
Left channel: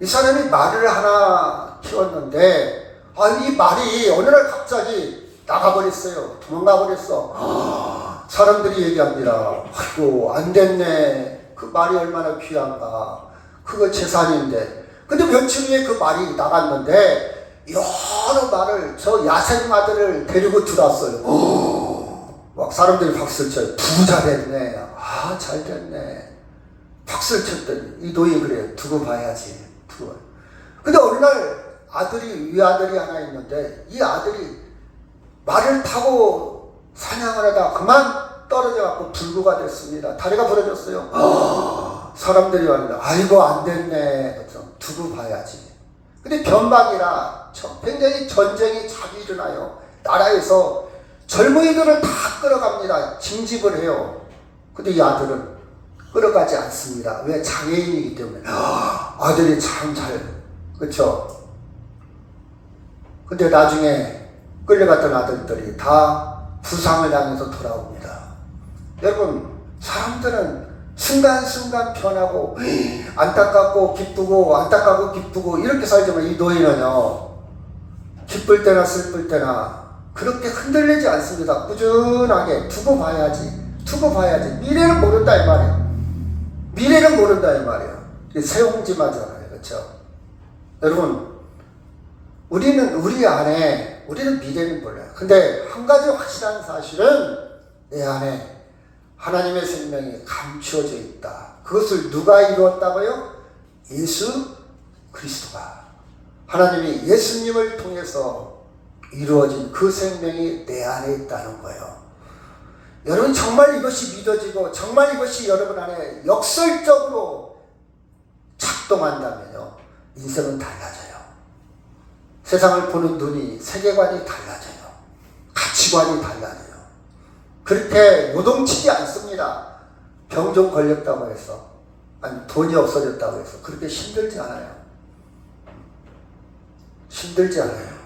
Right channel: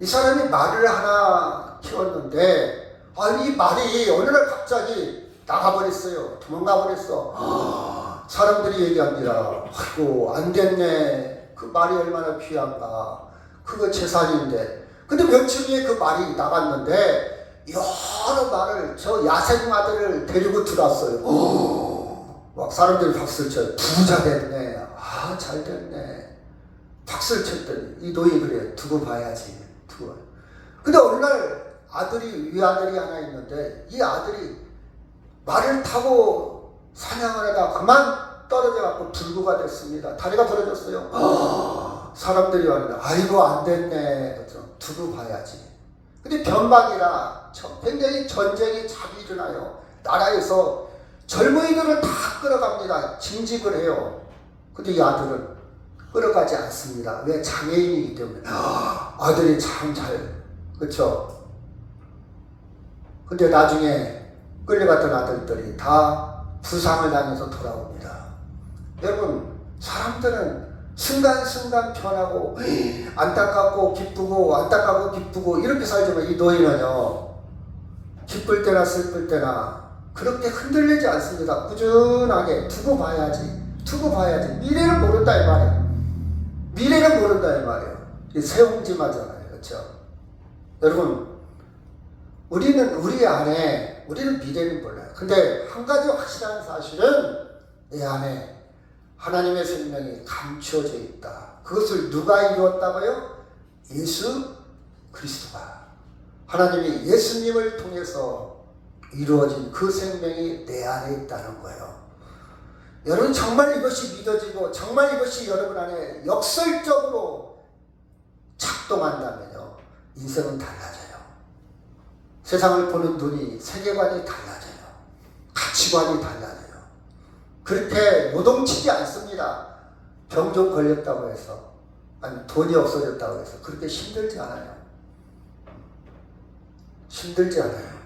이 사람이 말을 하나 키웠는데 이 말이 어느 날 갑자기 나가버렸어요. 도망가버렸어. 사람들이 얘기합니다. 아이고 안 됐네. 그 말이 얼마나 귀한가. 그거 재산인데. 근데 며칠 후에 그 말이 나갔는데 여러 말을 저 야생마들을 데리고 들어왔어요. 막 사람들이 박수를 쳐요. 부자 됐네. 잘 됐네. 박수를 쳤더니 이 노인이 그래요. 두고 봐야지. 근데 어느 날 위아들이 하나 있는데 이 아들이 말을 타고 사냥을 하다 그만 떨어져 갖고 불구가 됐습니다. 다리가 부러졌어요. 사람들이 왔는데 아이고 안 됐네. 두고 봐야지. 근데 변방이라 굉장히 전쟁이 자주 일어나요. 나라에서 젊은이들을 다 끌어갑니다. 징집을 해요. 근데 이 아들은 끌어가지 않습니다. 왜? 장애인이기 때문에. 아들이 참 그쵸? 근데 나중에 끌려갔던 아들들이 다 부상을 당해서 돌아옵니다. 여러분, 사람들은 순간순간 변하고 안타깝고 기쁘고 안타깝고 기쁘고 이렇게 살지만 이 노인은요, 기쁠 때나 슬플 때나 그렇게 흔들리지 않습니다. 꾸준하게 두고 봐야지 미래를 모른다 이 말이에요. 미래를 모른다 이 말이에요. 세옹지마잖아요. 그렇죠? 여러분, 우리는 미래를 몰라요. 근데 한 가지 확실한 사실은 내 안에 하나님의 생명이 감추어져 있다. 그것을 누가 이루었다고요? 예수 그리스도가. 하나님이 예수님을 통해서 이루어진 그 생명이 내 안에 있다는 거예요. 여러분, 정말 이것이 믿어지고 정말 이것이 여러분 안에 역설적으로 작동한다면요, 인생은 달라져요. 세상을 보는 눈이, 세계관이 달라져요. 가치관이 달라져요. 그렇게 요동치지 않습니다. 병 좀 걸렸다고 해서, 아니 돈이 없어졌다고 해서 그렇게 힘들지 않아요. 힘들지 않아요.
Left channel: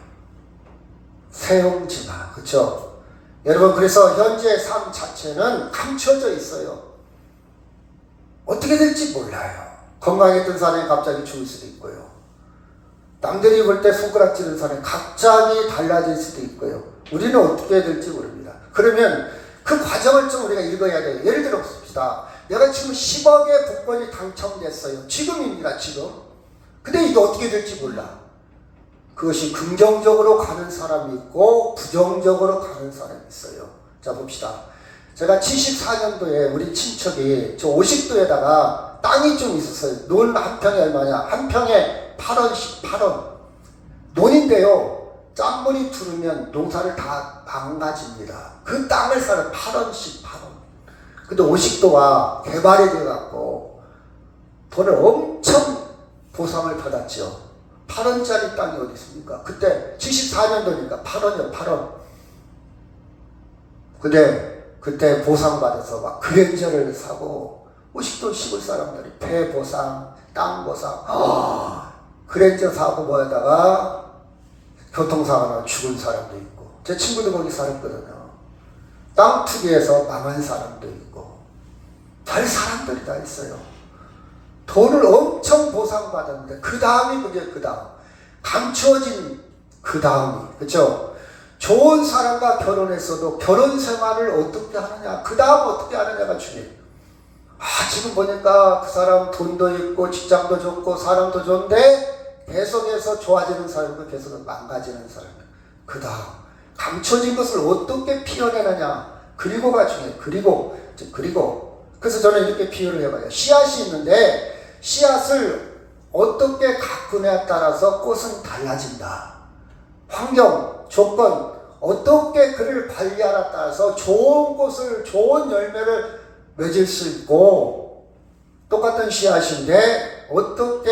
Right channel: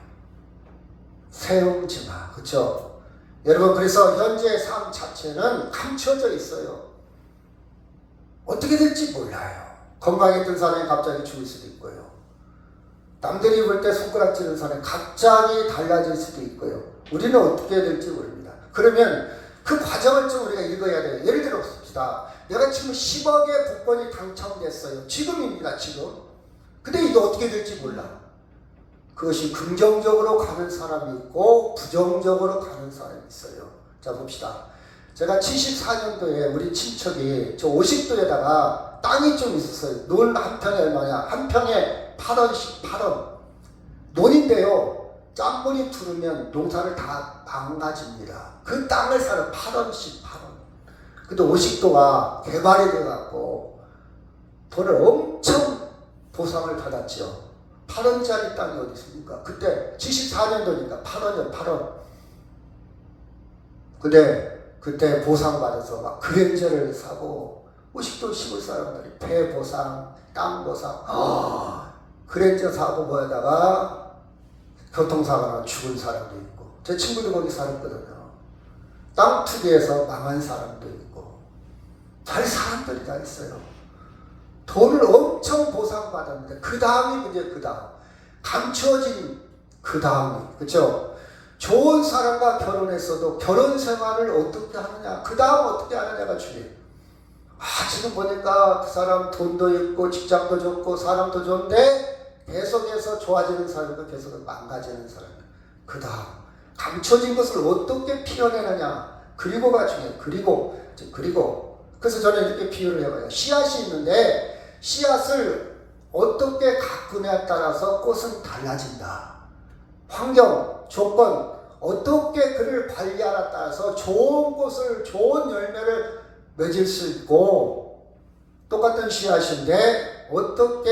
세옹지마, 그렇죠? 여러분, 그래서 현재의 삶 자체는 감춰져 있어요. 어떻게 될지 몰라요. 건강했던 사람이 갑자기 죽을 수도 있고요. 남들이 볼 때 손가락질하는 사람이 갑자기 달라질 수도 있고요. 우리는 어떻게 될지 모릅니다. 그러면 그 과정을 좀 우리가 읽어야 돼요. 예를 들어 봅시다. 내가 지금 10억의 복권이 당첨됐어요. 지금입니다. 지금. 근데 이게 어떻게 될지 몰라. 그것이 긍정적으로 가는 사람이 있고 부정적으로 가는 사람이 있어요. 자, 봅시다. 제가 74년도에 우리 친척이 저 50도에다가 땅이 좀 있었어요. 논 한 평에 얼마냐? 한 평에 8원씩 8원. 논인데요, 짠물이 들으면 농사를 다 망가집니다. 그 땅을 사는 8원씩 8원. 근데 50도가 개발이 돼갖고 돈을 엄청 보상을 받았죠. 8원짜리 땅이 어디 있습니까? 그때 74년도니까 8원이요, 8원. 근데 그때 보상받아서 막 그랜저를 사고 50도 시골 사람들이 배 보상, 땅 보상, 그랜저 사고 뭐에다가 교통사고 나서 죽은 사람도 있고, 제 친구들 거기 살았거든요. 땅 투기해서 망한 사람도 있고, 별 사람들이 다 있어요. 돈을 엄청 보상받았는데 그 다음이 문제예요. 그 다음 감춰진 그 다음이, 그렇죠? 좋은 사람과 결혼했어도 결혼 생활을 어떻게 하느냐, 그 다음 어떻게 하느냐가 중요해요. 지금 보니까 그 사람 돈도 있고 직장도 좋고 사람도 좋은데 계속해서 좋아지는 사람도 계속 망가지는 사람. 그 다음 감춰진 것을 어떻게 피워내느냐, 그리고가 중요해요. 그리고 그래서 저는 이렇게 비유를 해봐요. 씨앗이 있는데 씨앗을 어떻게 가꾸냐에 따라서 꽃은 달라진다. 환경, 조건, 어떻게 그를 관리하냐에 따라서 좋은 꽃을, 좋은 열매를 맺을 수 있고, 똑같은 씨앗인데 어떻게,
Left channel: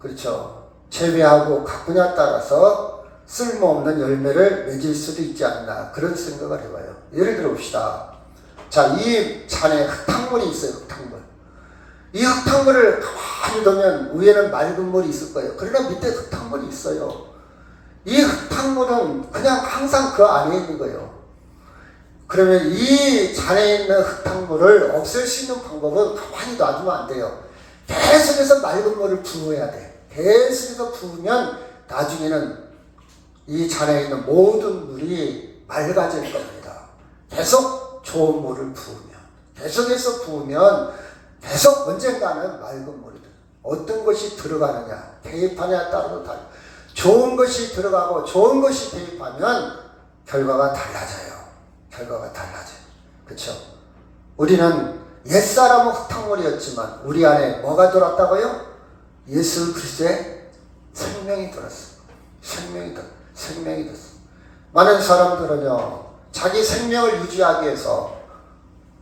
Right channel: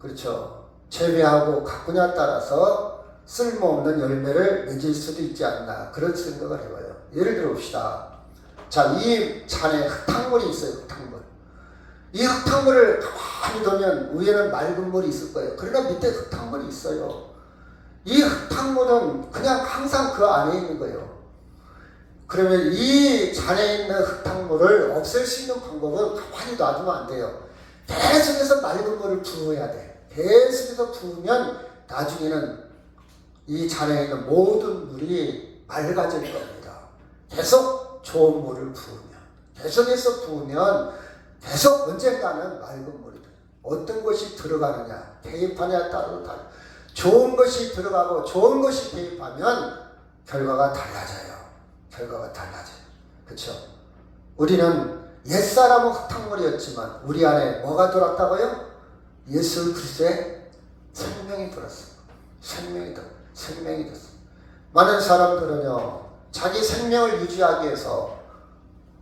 그렇죠, 재배하고 가꾸냐에 따라서 쓸모없는 열매를 맺을 수도 있지 않나, 그런 생각을 해봐요. 예를 들어 봅시다. 자, 이 잔에 흙탕물이 있어요. 흙탕물. 이 흙탕물을 가만히 두면 위에는 맑은 물이 있을 거예요. 그러나 밑에 흙탕물이 있어요. 이 흙탕물은 그냥 항상 그 안에 있는 거예요. 그러면 이 잔에 있는 흙탕물을 없앨 수 있는 방법은 가만히 놔두면 안 돼요. 계속해서 맑은 물을 부어야 돼. 계속해서 부으면 나중에는 이 잔에 있는 모든 물이 맑아질 겁니다. 계속 좋은 물을 부으면, 계속해서 부으면 계속 언젠가는 맑은 물이 돼. 어떤 것이 들어가느냐, 대입하느냐에 따라서 달라요. 좋은 것이 들어가고 좋은 것이 대입하면 결과가 달라져요. 결과가 달라져요. 그렇죠? 우리는 옛사람은 흙탕물이었지만 우리 안에 뭐가 들어왔다고요? 예수 그리스도의 생명이 들었어요. 생명이 들었어요. 많은 사람들은요, 자기 생명을 유지하기 위해서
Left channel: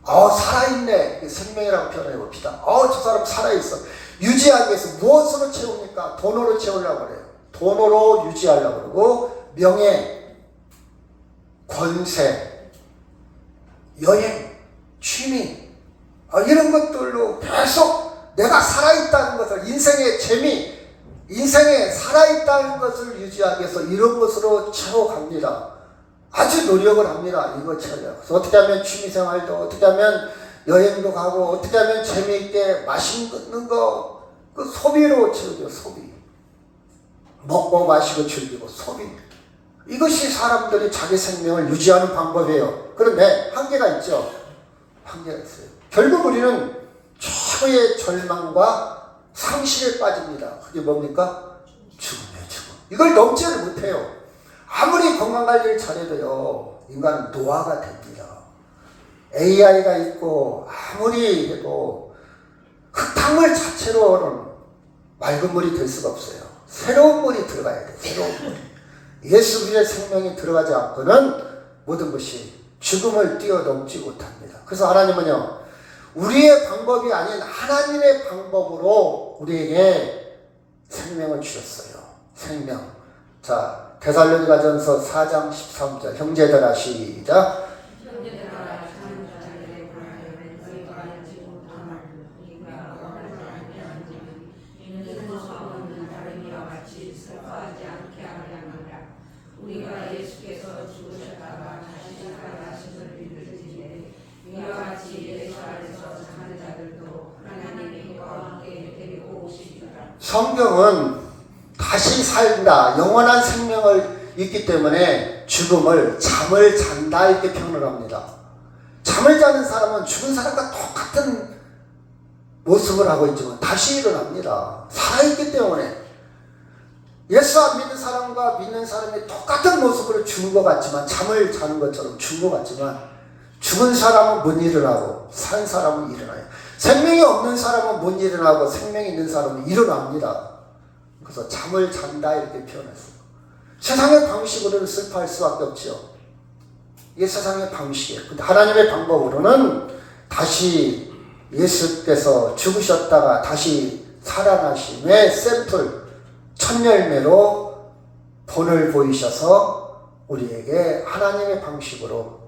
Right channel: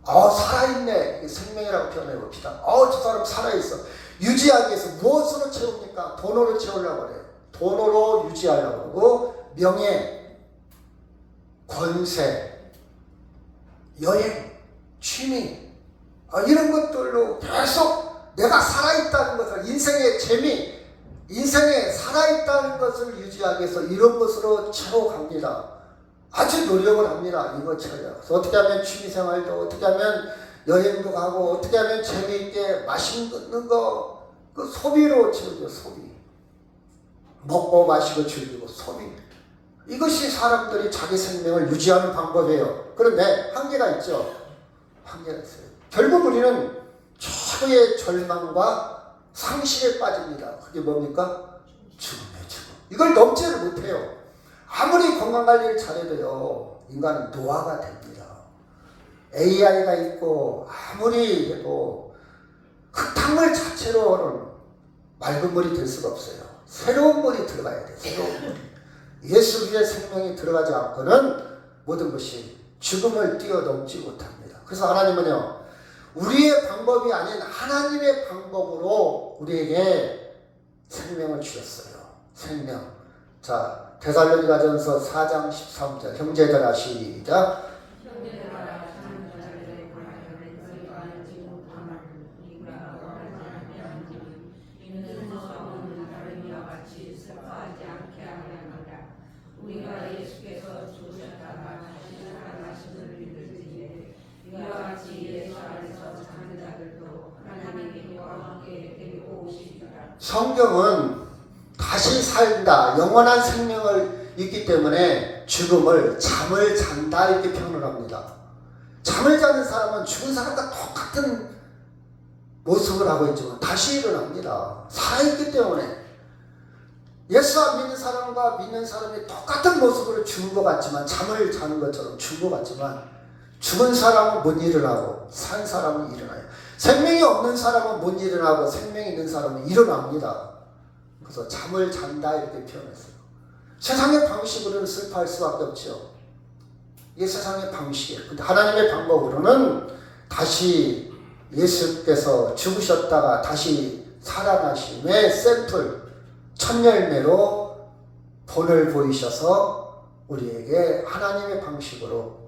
살아있네, 생명이라고 표현해 봅시다. 저 사람 살아있어. 유지하기 위해서 무엇으로 채웁니까? 돈으로 채우려고 그래요. 돈으로 유지하려고 그러고, 명예, 권세, 여행, 취미, 이런 것들로 계속 내가 살아있다는 것을, 인생의 재미, 인생에 살아있다는 것을 유지하기 위해서 이런 것으로 채워갑니다. 아주 노력을 합니다. 이거 찾아. 어떻게 하면 취미생활도, 어떻게 하면 여행도 가고, 어떻게 하면 재미있게 맛있는 거, 그 소비로 즐겨, 소비. 먹고 마시고 즐기고, 소비. 이것이 사람들이 자기 생명을 유지하는 방법이에요. 그런데 한계가 있죠. 한계가 있어요. 결국 우리는 최고의 절망과 상실에 빠집니다. 그게 뭡니까? 죽음이에요, 죽음. 이걸 넘지를 못해요. 아무리 건강관리를 잘해도요, 인간은 노화가 됩니다. AI가 있고, 아무리 해도 흙탕물 자체로는 맑은 물이 될 수가 없어요. 새로운 물이 들어가야 돼요. 새로운 물. 예수 그리스도의 생명이 들어가지 않고는 모든 것이 죽음을 뛰어넘지 못합니다. 그래서 하나님은요, 우리의 방법이 아닌 하나님의 방법으로 우리에게 생명을 주셨어요. 생명. 자, 데살로니가전서 4장 13절 형제들아 시작. 우리가 예수께서 죽으셨다가 다시 살아나심을 믿을지니 이와 같이 예수 안에서 사는 자들도 하나님의 힘과 함께 데리고 오시리라. 성경은 다시 산다, 영원한 생명을 있기 때문에 죽음을 잠을 잔다 이렇게 표현을 합니다. 잠을 자는 사람은 죽은 사람과 똑같은 모습을 하고 있지만 다시 일어납니다. 살아있기 때문에. 예수 안 믿는 사람과 믿는 사람이 똑같은 모습으로 죽은 것 같지만, 잠을 자는 것처럼 죽은 것 같지만, 죽은 사람은 못 일어나고 산 사람은 일어나요. 생명이 없는 사람은 못 일어나고 생명이 있는 사람은 일어납니다. 그래서 잠을 잔다 이렇게 표현했어요. 세상의 방식으로는 슬퍼할 수밖에 없죠. 이게 세상의 방식이에요. 근데 하나님의 방법으로는 다시 예수께서 죽으셨다가 다시 살아나심의 샘플, 첫열매로 본을 보이셔서 우리에게 하나님의 방식으로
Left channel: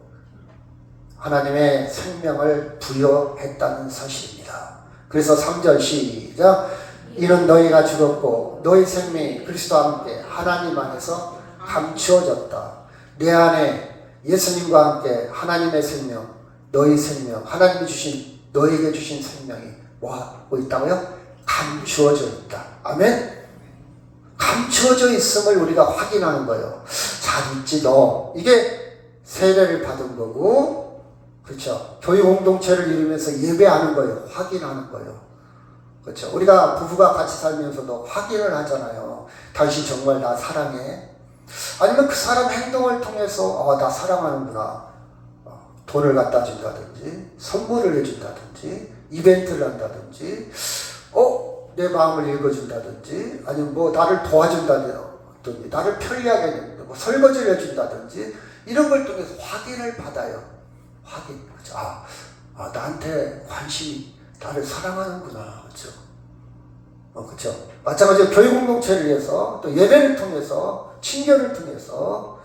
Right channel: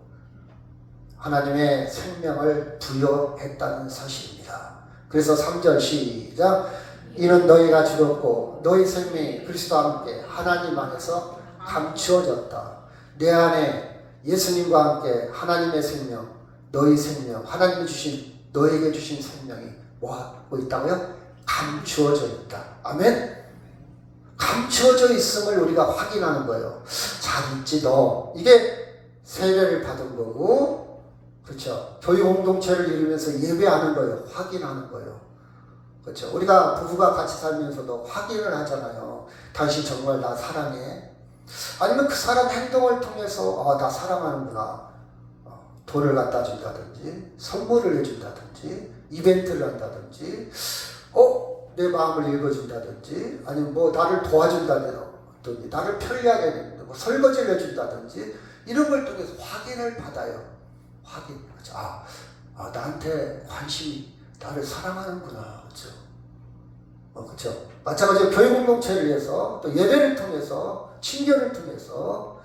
하나님의 생명을 부여했다는 사실입니다. 그래서 3절 시작. 이는 너희가 죽었고 너희 생명이 그리스도와 함께 하나님 안에서 감추어졌다. 내 안에 예수님과 함께 하나님의 생명, 너희 생명, 하나님이 주신 너희에게 주신 생명이 뭐 하고 있다고요? 감추어져 있다. 아멘. 감추어져 있음을 우리가 확인하는 거예요. 잘 있지 너. 이게 세례를 받은 거고, 그렇죠. 교회 공동체를 이루면서 예배하는 거예요. 확인하는 거예요. 그렇죠. 우리가 부부가 같이 살면서도 확인을 하잖아요. 당신 정말 나 사랑해. 아니면 그 사람 행동을 통해서 나 사랑하는구나. 돈을 갖다 준다든지, 선물을 해준다든지, 이벤트를 한다든지, 내 마음을 읽어준다든지, 아니면 뭐 나를 도와준다든지, 나를 편리하게 해준다든지, 뭐 설거지를 해준다든지, 이런 걸 통해서 확인을 받아요. 확인. 그렇죠. 나한테 관심이, 나를 사랑하는구나. 그렇죠. 그렇죠. 마찬가지로 교회 공동체를 위해서, 또 예배를 통해서, 친교를 통해서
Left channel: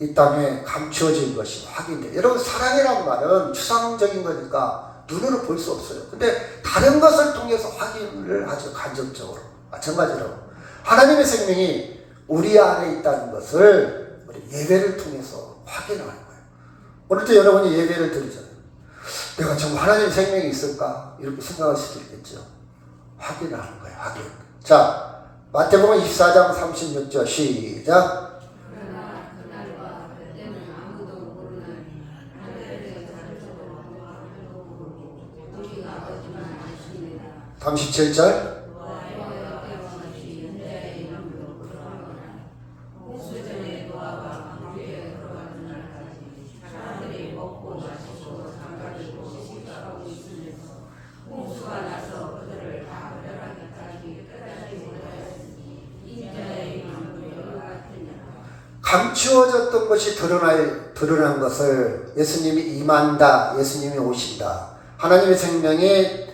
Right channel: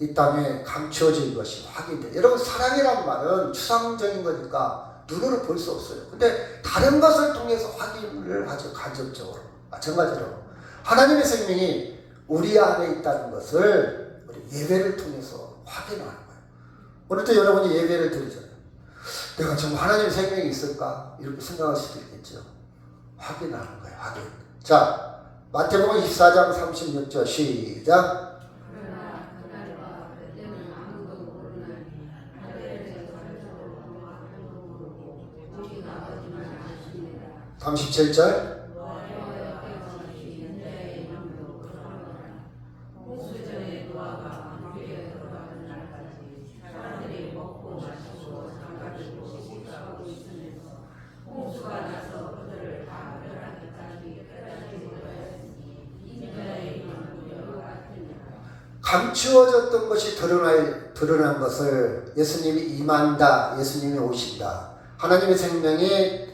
이 땅에 감추어진 것이 확인돼. 여러분, 사랑이라는 말은 추상적인 거니까 눈으로 볼 수 없어요. 근데 다른 것을 통해서 확인을 하죠. 간접적으로. 마찬가지로 하나님의 생명이 우리 안에 있다는 것을 우리 예배를 통해서 확인하는 거예요. 오늘도 여러분이 예배를 드리잖아요. 내가 정말 하나님의 생명이 있을까? 이렇게 생각할 수도 있겠죠. 확인하는 거예요. 확인. 자, 마태복음 24장 36절 시작. 그러나 그날과 그때는 아무도 모르나니 하늘에 우리가 거짓말하십니다. 37절. 수전의 노아가 왕비에 들어가는 날까지 사람들이 먹고 마시고 잠가지고 시식하고 있으면서 홍수가 나서 그들을 다 멸하기까지 끝까지 못하였으니 인자의 이름은 여러 같으니라. 감추어졌던 것이 드러난 것을 예수님이 임한다, 예수님이 오신다, 하나님의 생명이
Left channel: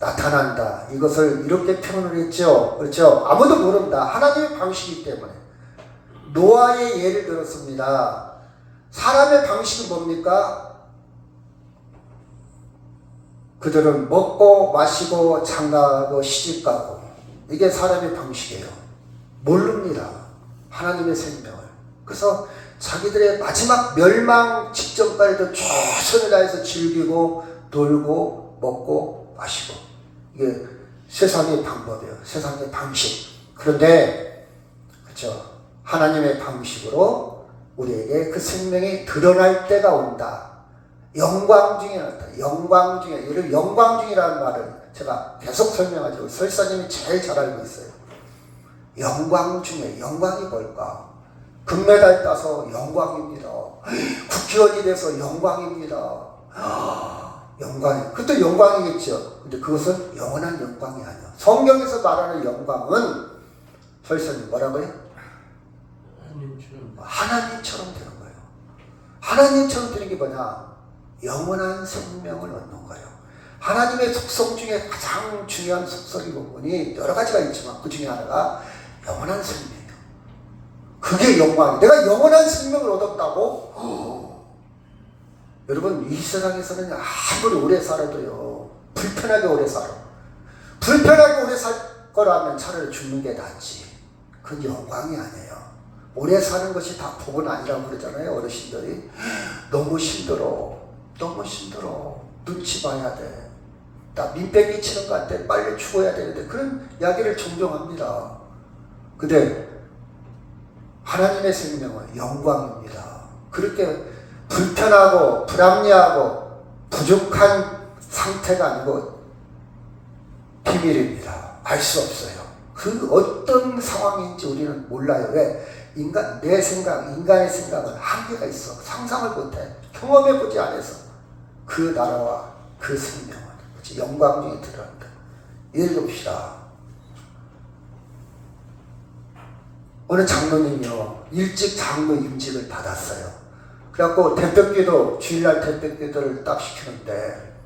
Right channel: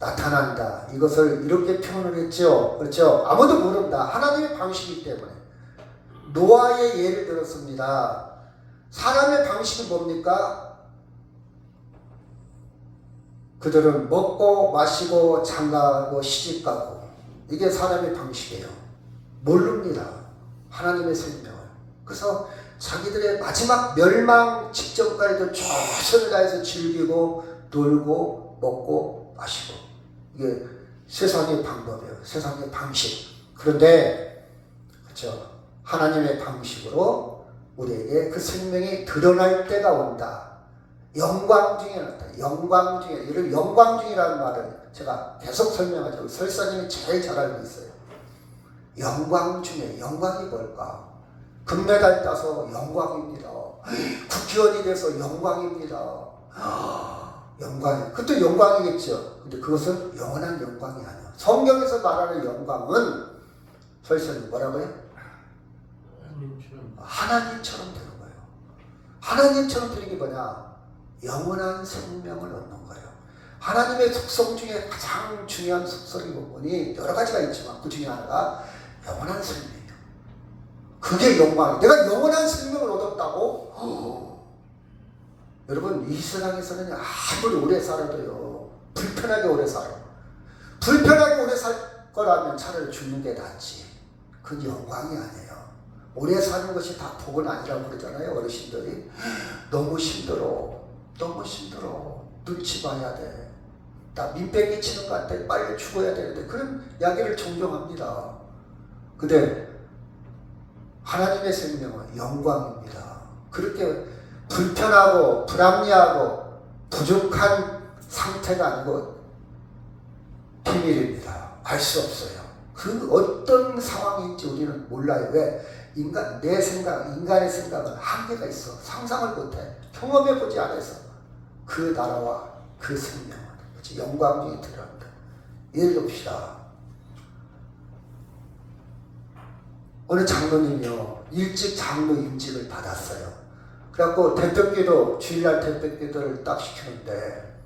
나타난다, 이것을 이렇게 표현을 했죠. 그렇죠? 아무도 모른다. 하나님의 방식이기 때문에. 노아의 예를 들었습니다. 사람의 방식은 뭡니까? 그들은 먹고 마시고 장가가고 시집가고, 이게 사람의 방식이에요. 모릅니다. 하나님의 생명을. 그래서 자기들의 마지막 멸망 직전까지도 최선을 다해서 즐기고 놀고 먹고 마시고, 이게 세상의 방법이에요. 세상의 방식. 그런데 그렇죠, 하나님의 방식으로 우리에게 그 생명이 드러날 때가 온다. 영광 중에 나타나. 영광 중에, 이를 영광 중이라는 말을 제가 계속 설명하죠. 우리 설사님이 제일 잘 알고 있어요. 영광 중에, 영광이 뭘까? 금메달 따서 영광입니다. 국회의원이 돼서 영광입니다. 영광이, 그것도 영광이겠죠. 근데 그것은 영원한 영광이 아니야. 성경에서 말하는 영광은 설사님 뭐라고요? 하나님처럼 되는 거예요. 하나님처럼 되는 게 뭐냐? 영원한 생명을 얻는 거예요. 하나님의 속성 중에 가장 중요한 속성이 부분이 여러 가지가 있지만 그 중에 하나가 영원한 생명이에요. 그게 영광. 내가 영원한 생명을 얻었다고? 여러분, 이 세상에서는 아무리 오래 살아도요, 불편하게 오래 살아. 불편하게 오래 살 거라면 차라리 죽는 게 낫지. 그건 영광이 아니에요. 오래 사는 것이 다 복은 아니라고 그러잖아요, 어르신들이. 너무 힘들어. 너무 힘들어. 눈치 봐야 돼. 나 민폐 끼치는 것 같아. 빨리 죽어야 되는데. 그런 이야기를 종종 합니다. 근데 하나님의 생명은 영광입니다. 그렇게 불편하고 불합리하고 부족한 상태가 아니고 비밀입니다. 알 수 없어요. 그 어떤 상황인지 우리는 몰라요. 왜? 내 생각, 인간의 생각은 한계가 있어. 상상을 못해. 경험해보지 않아서. 그 나라와 그 생명은 영광 중에 들어간다. 예를 듭시다. 어느 장로님이요, 일찍 장로 임직을 받았어요. 그래갖고 대표기도, 주일날 대표기도를 딱 시키는데,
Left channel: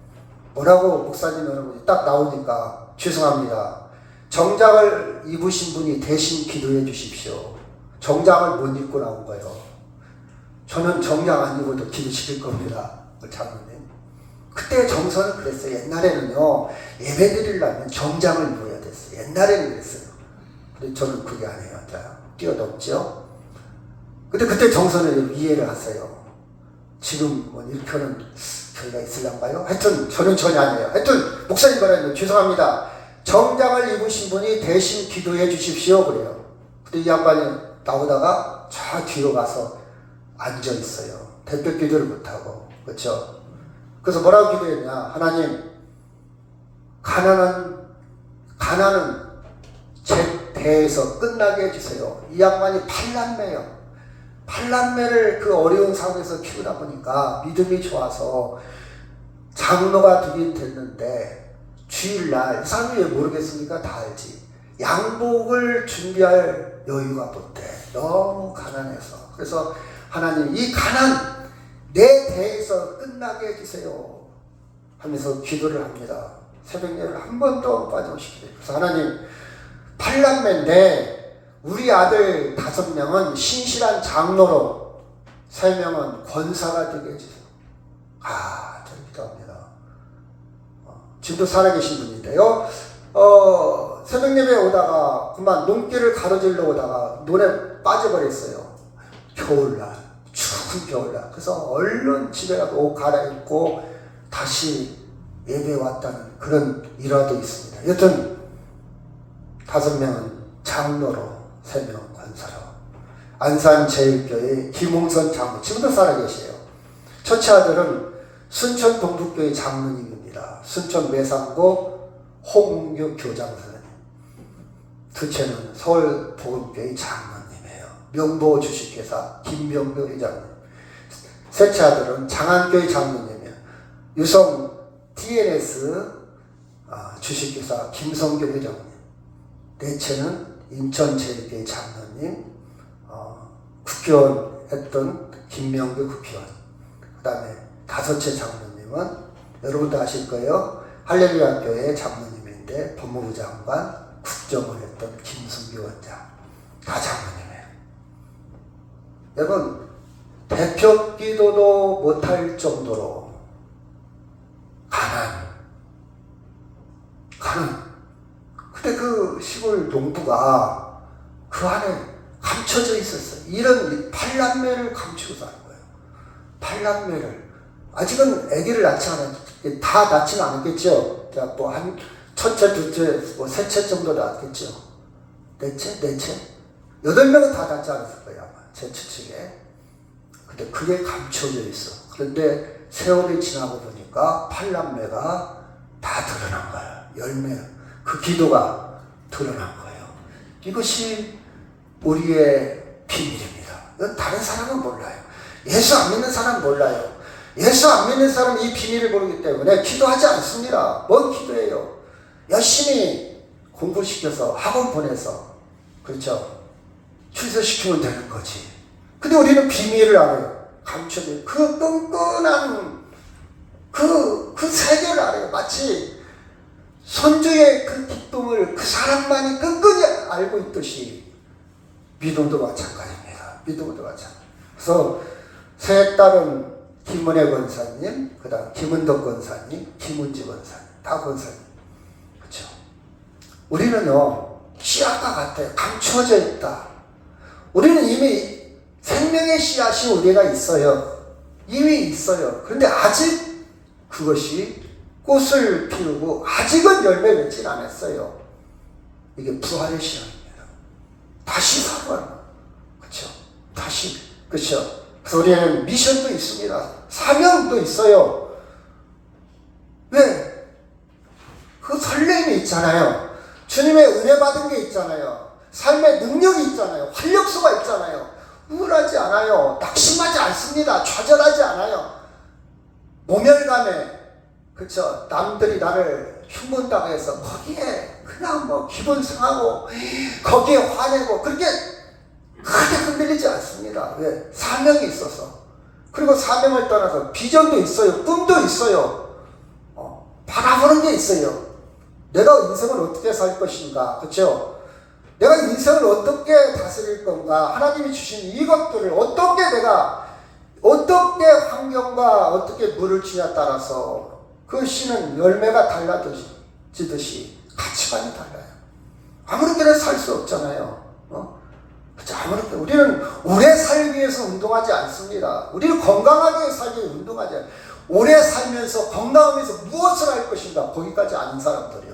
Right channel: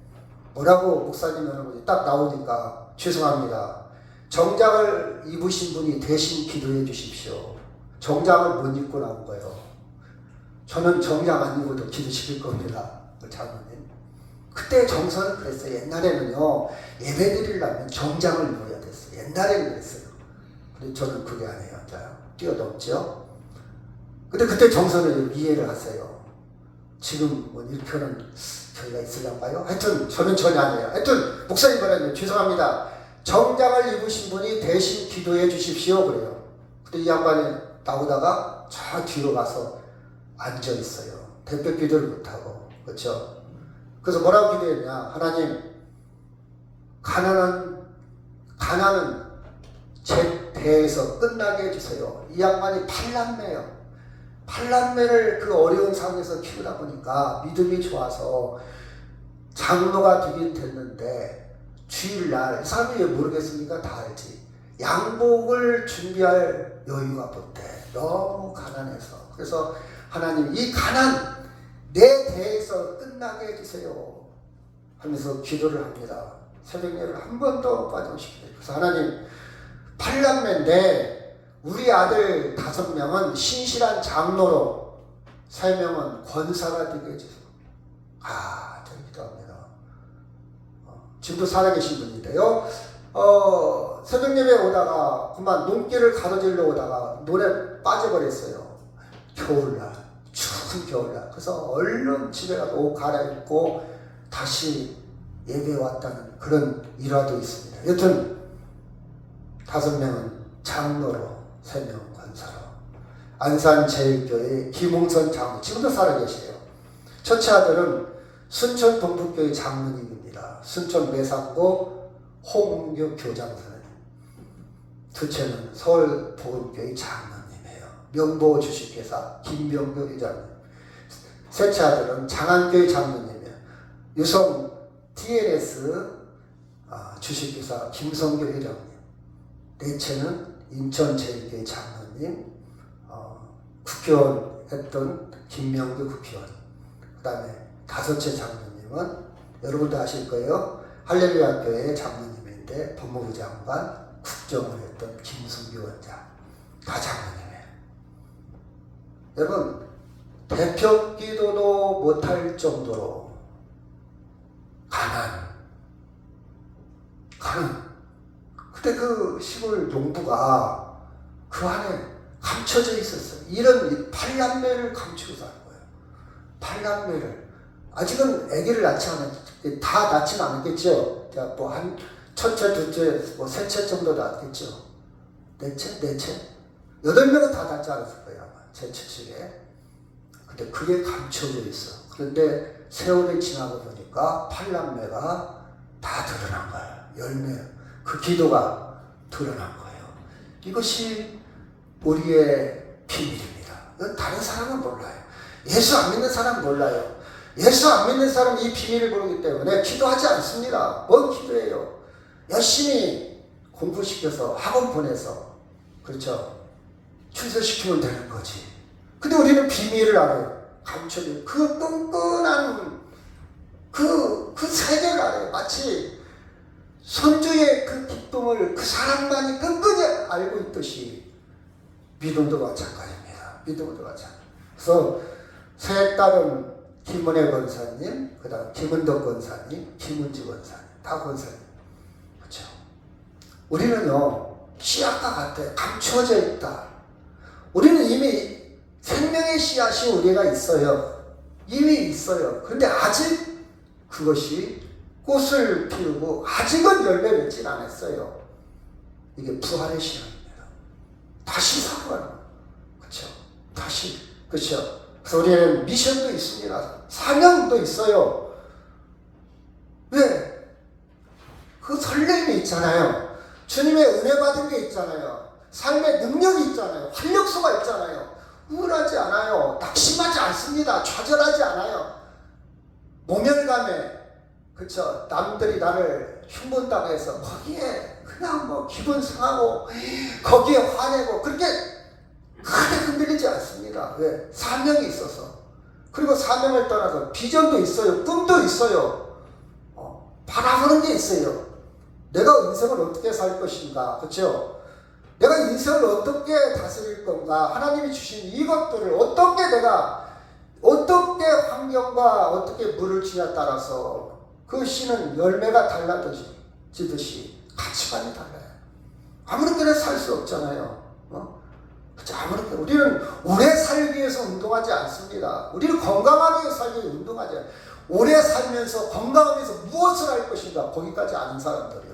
뭐라고 목사님은 딱 나오니까, 죄송합니다. 정장을 입으신 분이 대신 기도해 주십시오. 정장을 못 입고 나온 거예요. 저는 정장 안 입어도 기도시킬 겁니다. 장로님. 그때 정서는 그랬어요. 옛날에는요, 예배 드리려면 정장을 입어야 됐어요. 옛날에는 그랬어요. 근데 저는 그게 아니에요. 자, 뛰어넘죠. 근데 그때 정서는 이해를 하세요. 지금 뭐 이렇게 하는 교회가 있을란가요? 하여튼 저는 전혀 아니에요. 하여튼 목사님 말하면 죄송합니다. 정장을 입으신 분이 대신 기도해 주십시오. 그래요. 근데 이 양반이 나오다가 저 뒤로 가서 앉아 있어요. 대표 기도를 못하고. 그렇죠? 그래서 뭐라고 기도했냐? 하나님, 가난은 제 대에서 끝나게 해주세요. 이 양반이 8남매예요. 8남매를 그 어려운 상황에서 키우다 보니까 믿음이 좋아서 장로가 되긴 됐는데, 주일날, 이 사람이 왜 모르겠습니까? 다 알지. 양복을 준비할 여유가 못 돼. 너무 가난해서. 그래서 하나님, 이 가난 내 대에서 끝나게 해주세요 하면서 기도를 합니다. 새벽 예를 한 번도 빠짐없이. 그래서 하나님, 8남매인데 우리 아들 5명은 신실한 장로로, 3명은 권사가 되게 해주세요. 저는 기도합니다. 지금도 살아계신 분인데요. 새벽 예배에 오다가 그만 눈길을 가로질러 오다가 논에 빠져버렸어요. 겨울날, 추운 겨울날. 그래서 얼른 집에 가서 옷 갈아입고 다시 예배에 왔다는 그런 일화도 있습니다. 여튼 5명은 장로로, 3명은 권사로. 안산제일교회 김홍선 장로, 지금도 살아계세요. 첫째 아들은 순천 동북교회 장로님입니다. 순천 매산고 홍은교 교장선생님. 둘째는 서울 복음교회 장로님이에요. 명보 주식회사 김병교 회장님. 셋째 아들은 장안교회 장로님이에요. 유성 TNS 주식회사 김성교 회장님. 넷째는 인천제일교회 장로님, 국회의원 했던 김명규 국회의원. 그 다음에 5째 장로님은 여러분도 아실 거예요. 할렐루야 교회 장로님인데 법무부 장관, 국정을 했던 김승규 원장. 다 장로님이에요. 여러분, 대표 기도도 못할 정도로 가난. 근데 그 시골 농부가 그 안에 감춰져 있었어요. 이런 팔남매를 감추고 사는 거예요. 팔남매를. 아직은 아기를 낳지 않았, 다 낳지는 않았겠죠. 한 첫째, 둘째, 셋째 정도 낳았겠죠. 넷째? 8명은 다 낳지 않았을 거예요. 아마. 제 추측에. 근데 그게 감춰져 있어. 그런데 세월이 지나고 보니까 팔남매가 다 드러난 거예요. 열매. 그 기도가 드러난 거예요. 이것이 우리의 비밀입니다. 이건 다른 사람은 몰라요. 예수 안 믿는 사람은 몰라요. 예수 안 믿는 사람은 이 비밀을 모르기 때문에 기도하지 않습니다. 뭔 기도해요? 열심히 공부시켜서 학원 보내서 그렇죠? 출세시키면 되는 거지. 근데 우리는 비밀을 알아요. 감춰진 그 끈끈한 그 세계를 알아요. 마치 손주의 그 기쁨을 그 사람만이 끈끈히 알고 있듯이 믿음도 마찬가지입니다. 믿음도 마찬가지. 그래서 세 딸은 김은혜 권사님, 그 다음 김은덕 권사님, 김은지 권사님, 다 권사님. 그렇죠? 우리는요, 씨앗과 같아요. 감추어져 있다. 우리는 이미 생명의 씨앗이 우리가 있어요. 이미 있어요. 그런데 아직 그것이 꽃을 피우고 아직은 열매 맺진 않았어요. 이게 부활의 씨앗입니다. 다시 살아나는 거예요. 그렇죠? 다시. 그렇죠? 그래서 우리는 미션도 있습니다. 사명도 있어요. 왜? 그 설렘이 있잖아요. 주님의 은혜 받은 게 있잖아요. 삶의 능력이 있잖아요. 활력소가 있잖아요. 우울하지 않아요. 낙심하지 않습니다. 좌절하지 않아요. 모멸감에, 그쵸? 남들이 나를 흉본다고 해서 거기에 그냥 뭐 기분 상하고 거기에 화내고 그렇게 크게 흔들리지 않습니다. 왜? 사명이 있어서. 그리고 사명을 떠나서 비전도 있어요. 꿈도 있어요. 바라보는 게 있어요. 내가 인생을 어떻게 살 것인가. 그쵸? 내가 인생을 어떻게 다스릴 건가. 하나님이 주신 이것들을 어떻게 환경과 어떻게 물을 주냐에 따라서 그 씨는 열매가 달라지듯이 가치관이 달라요. 아무렇게나 살 수 없잖아요. 아무렇게 우리는 오래 살기 위해서 운동하지 않습니다. 우리는 건강하게 살기 위해서 운동하지 않아요. 오래 살면서 건강하면서 무엇을 할 것인가 거기까지 아는 사람들이요.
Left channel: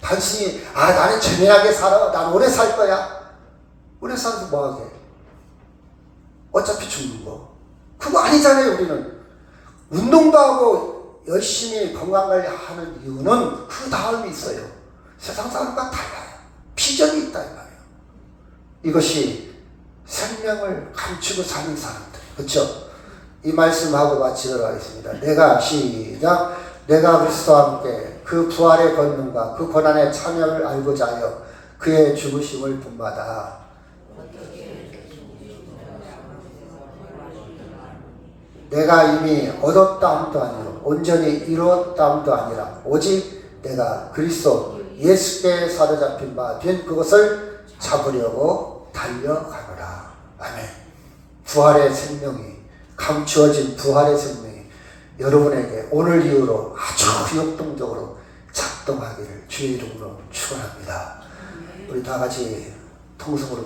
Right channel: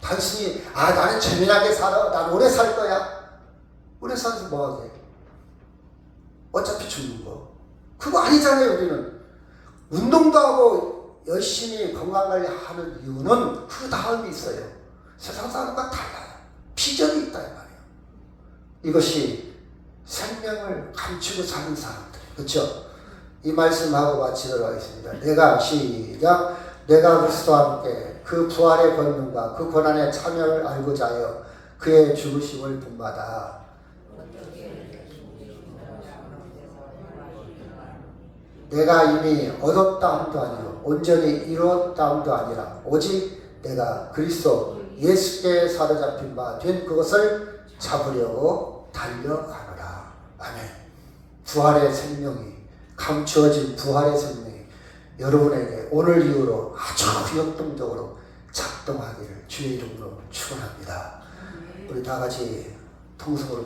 단순히 나는 재미나게 살아. 난 오래 살 거야. 오래 살아서 뭐하게? 어차피 죽는 거. 그거 아니잖아요. 우리는 운동도 하고 열심히 건강관리하는 이유는 그 다음이 있어요. 세상 사람과 달라요. 비전이 있다 이 말이에요. 이것이 생명을 감추고 사는 사람들. 그렇죠? 이 말씀하고 마치도록 하겠습니다. 시작. 내가 그리스도와 함께 그 부활의 권능과 그 고난의 참여를 알고자 하여 그의 죽으심을 본받아 내가 이미 얻었다 함도 아니요 온전히 이루었다 함도 아니라 오직 내가 그리스도 예수께 사로잡힌 바 된 그것을 잡으려고 달려가노라. 아멘. 부활의 생명이 감추어진 부활의 생명이 여러분에게 오늘 이후로 아주 역동적으로 작동하기를 주의 이름으로 축원합니다. 우리 다 같이 통성으로